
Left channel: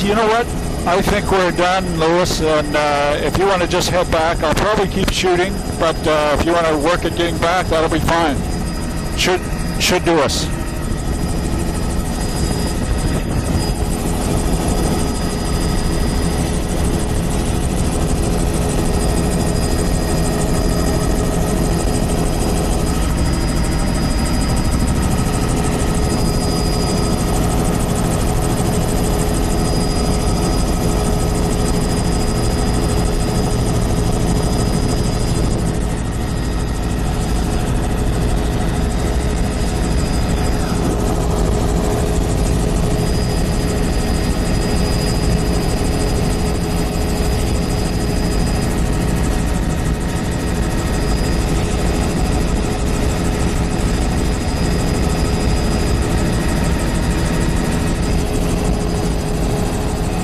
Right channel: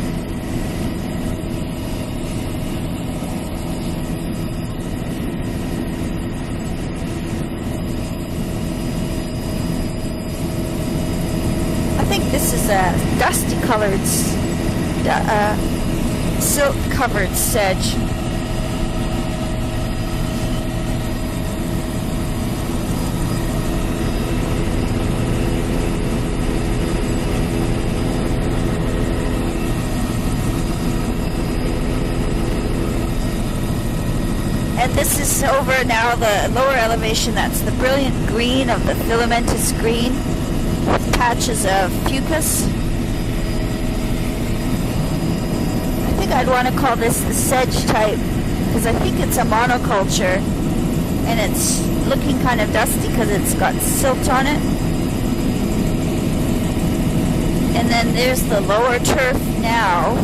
You know what? I think we're done, Lewis, and if you want to just head back, I'll probably keep shooting, but if you want to work at getting back, that'll be fine. Should do us. I think this is a dusty colored, silk covered sedge. And this is over now the lower elevation. That's the brilliant green of the filamentous green with patches of fucus. I think I'd want to call this the sedge type because I think it's a monoculture and it's looking kind of dusty because it's got silt on it. And then there's the lower turf now,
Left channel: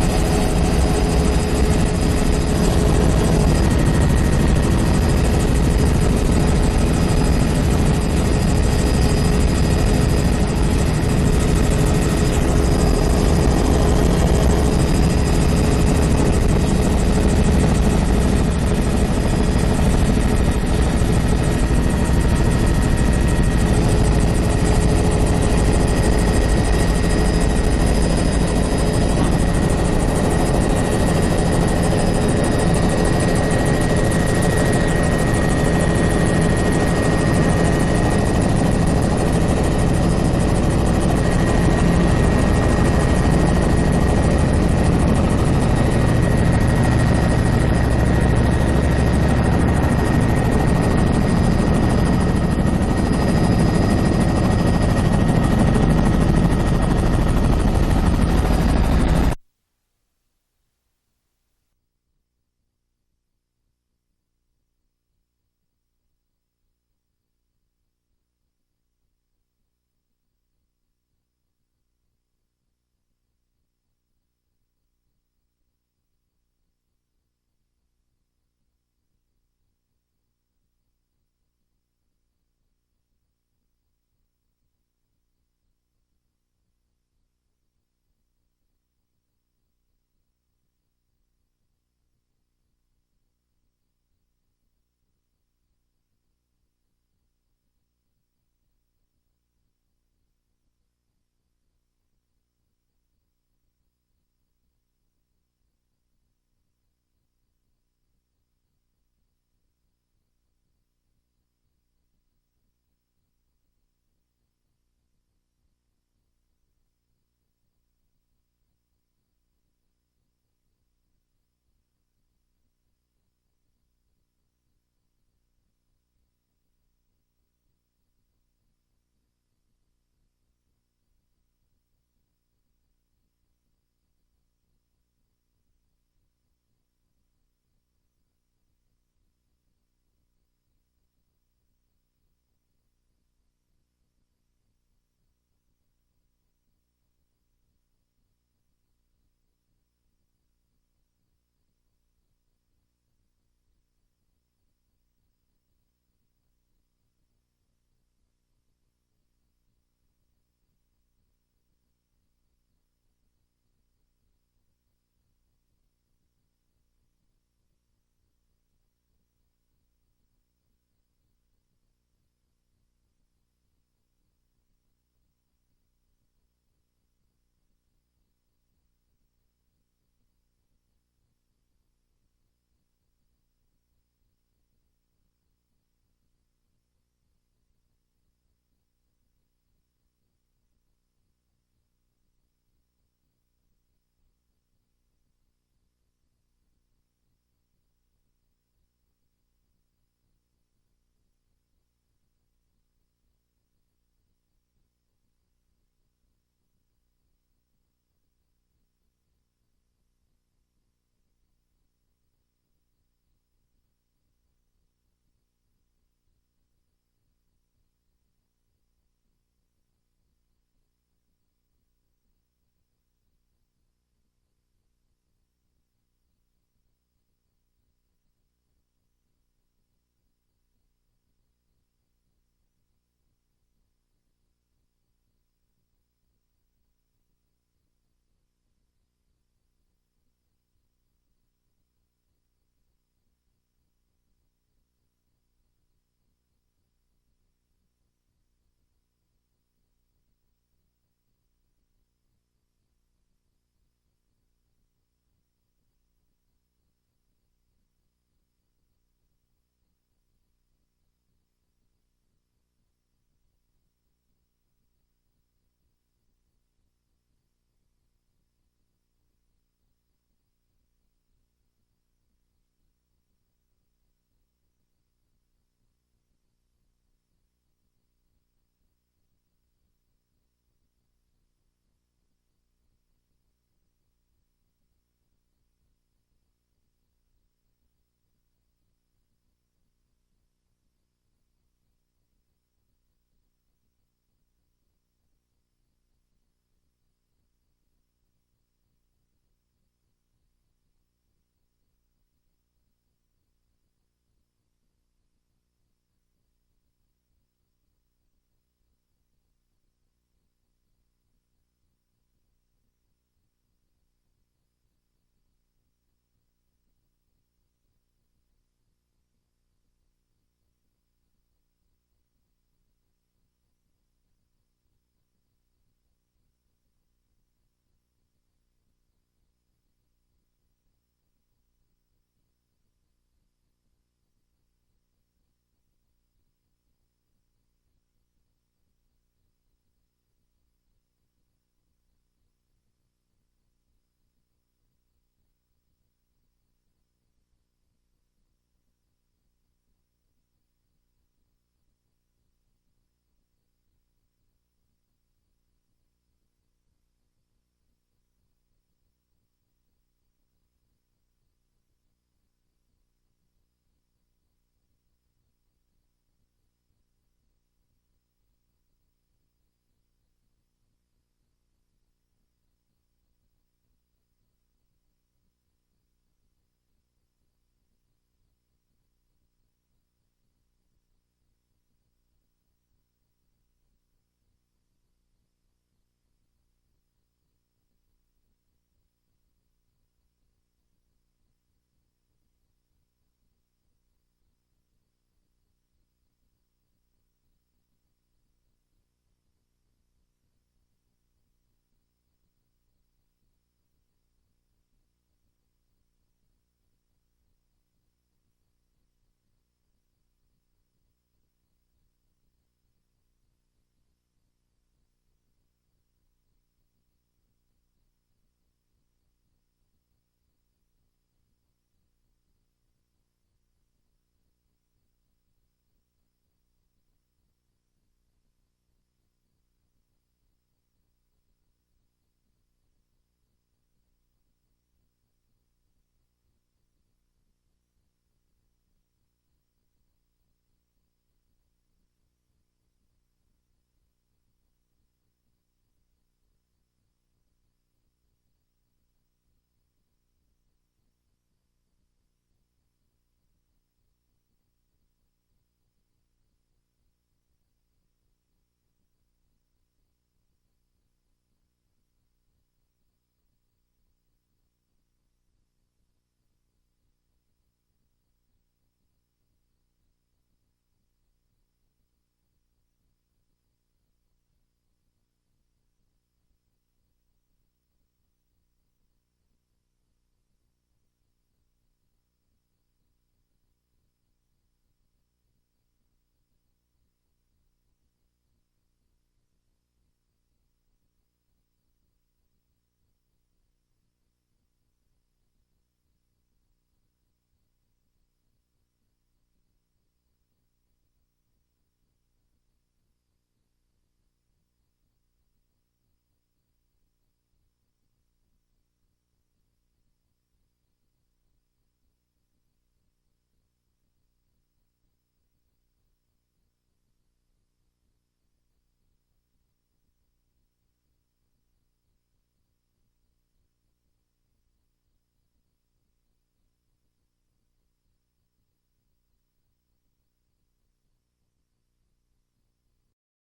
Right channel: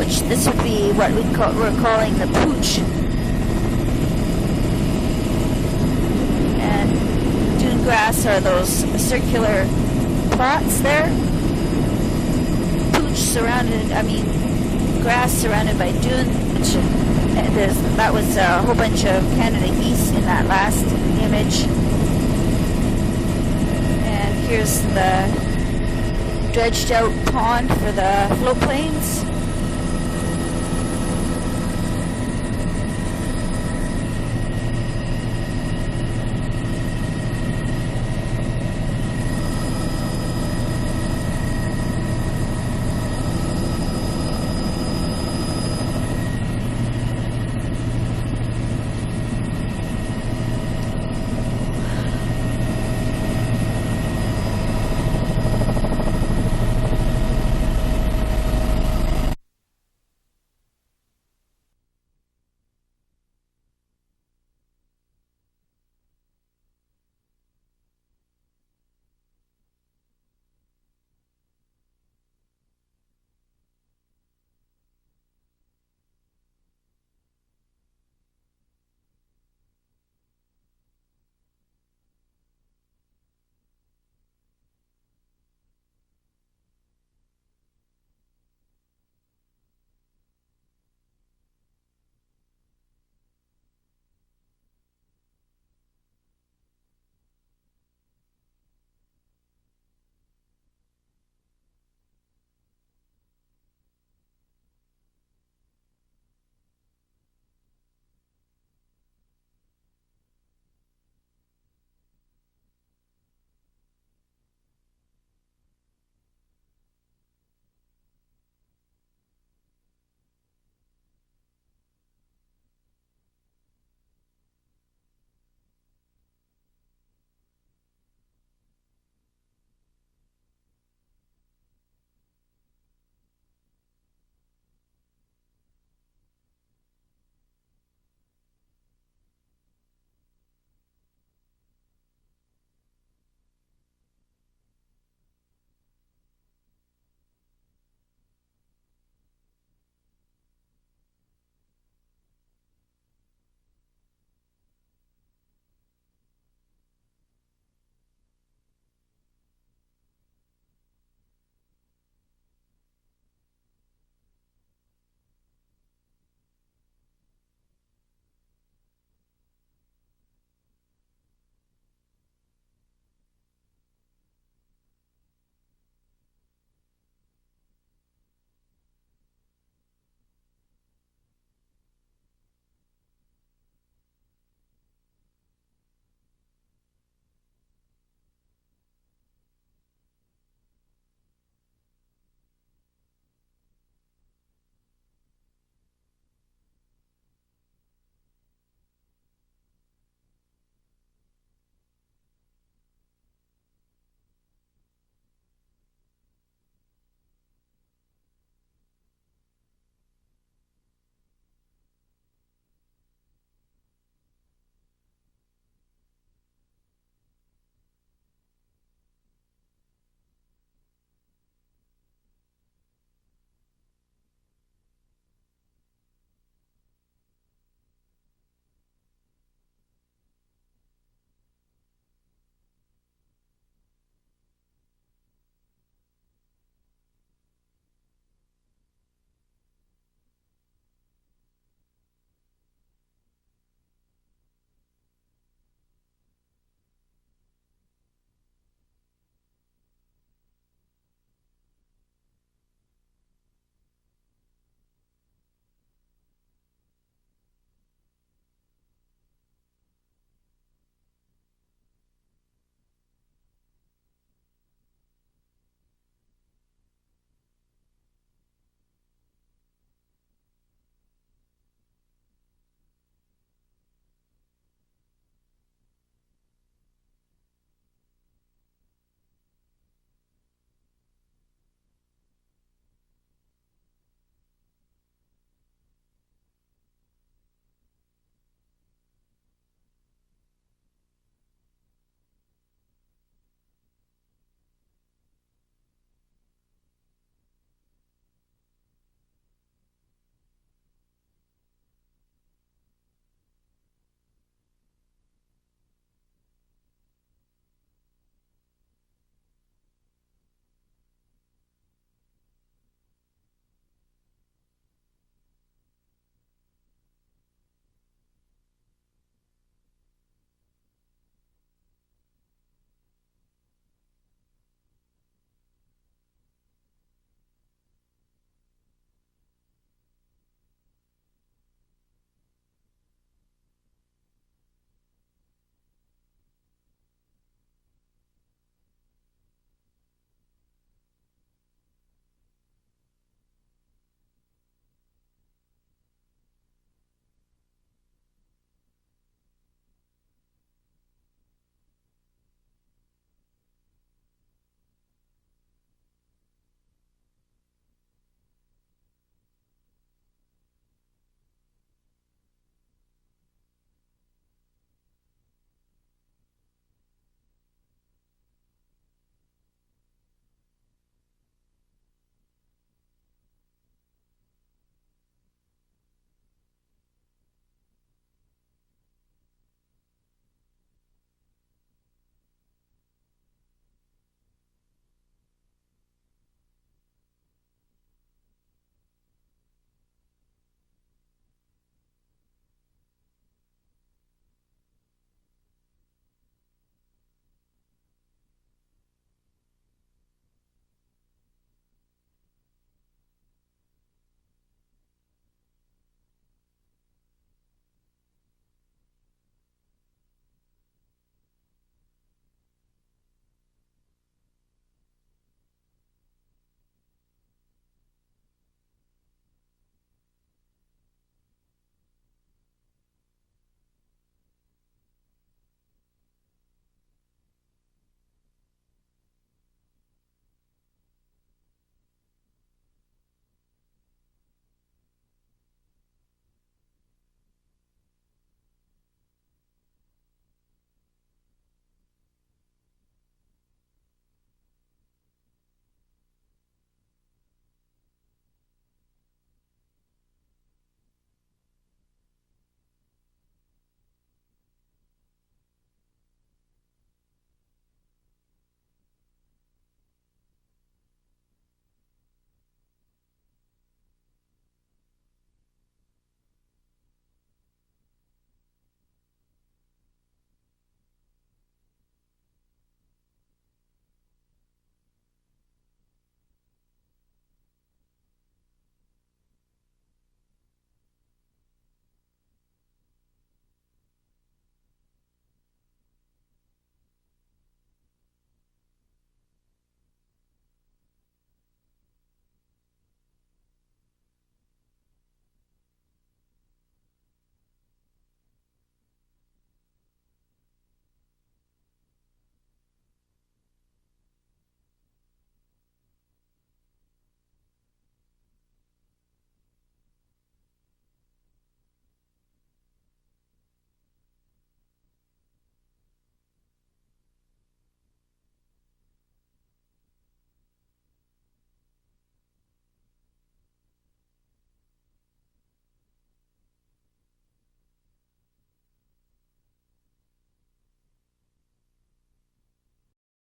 which this would be what we're calling the pooch. Grass are those circular plots there. Pooch grass surrounded by dune. That was a whole bunch of Canada geese in that last image. And here's the dredged out pond for the float planes.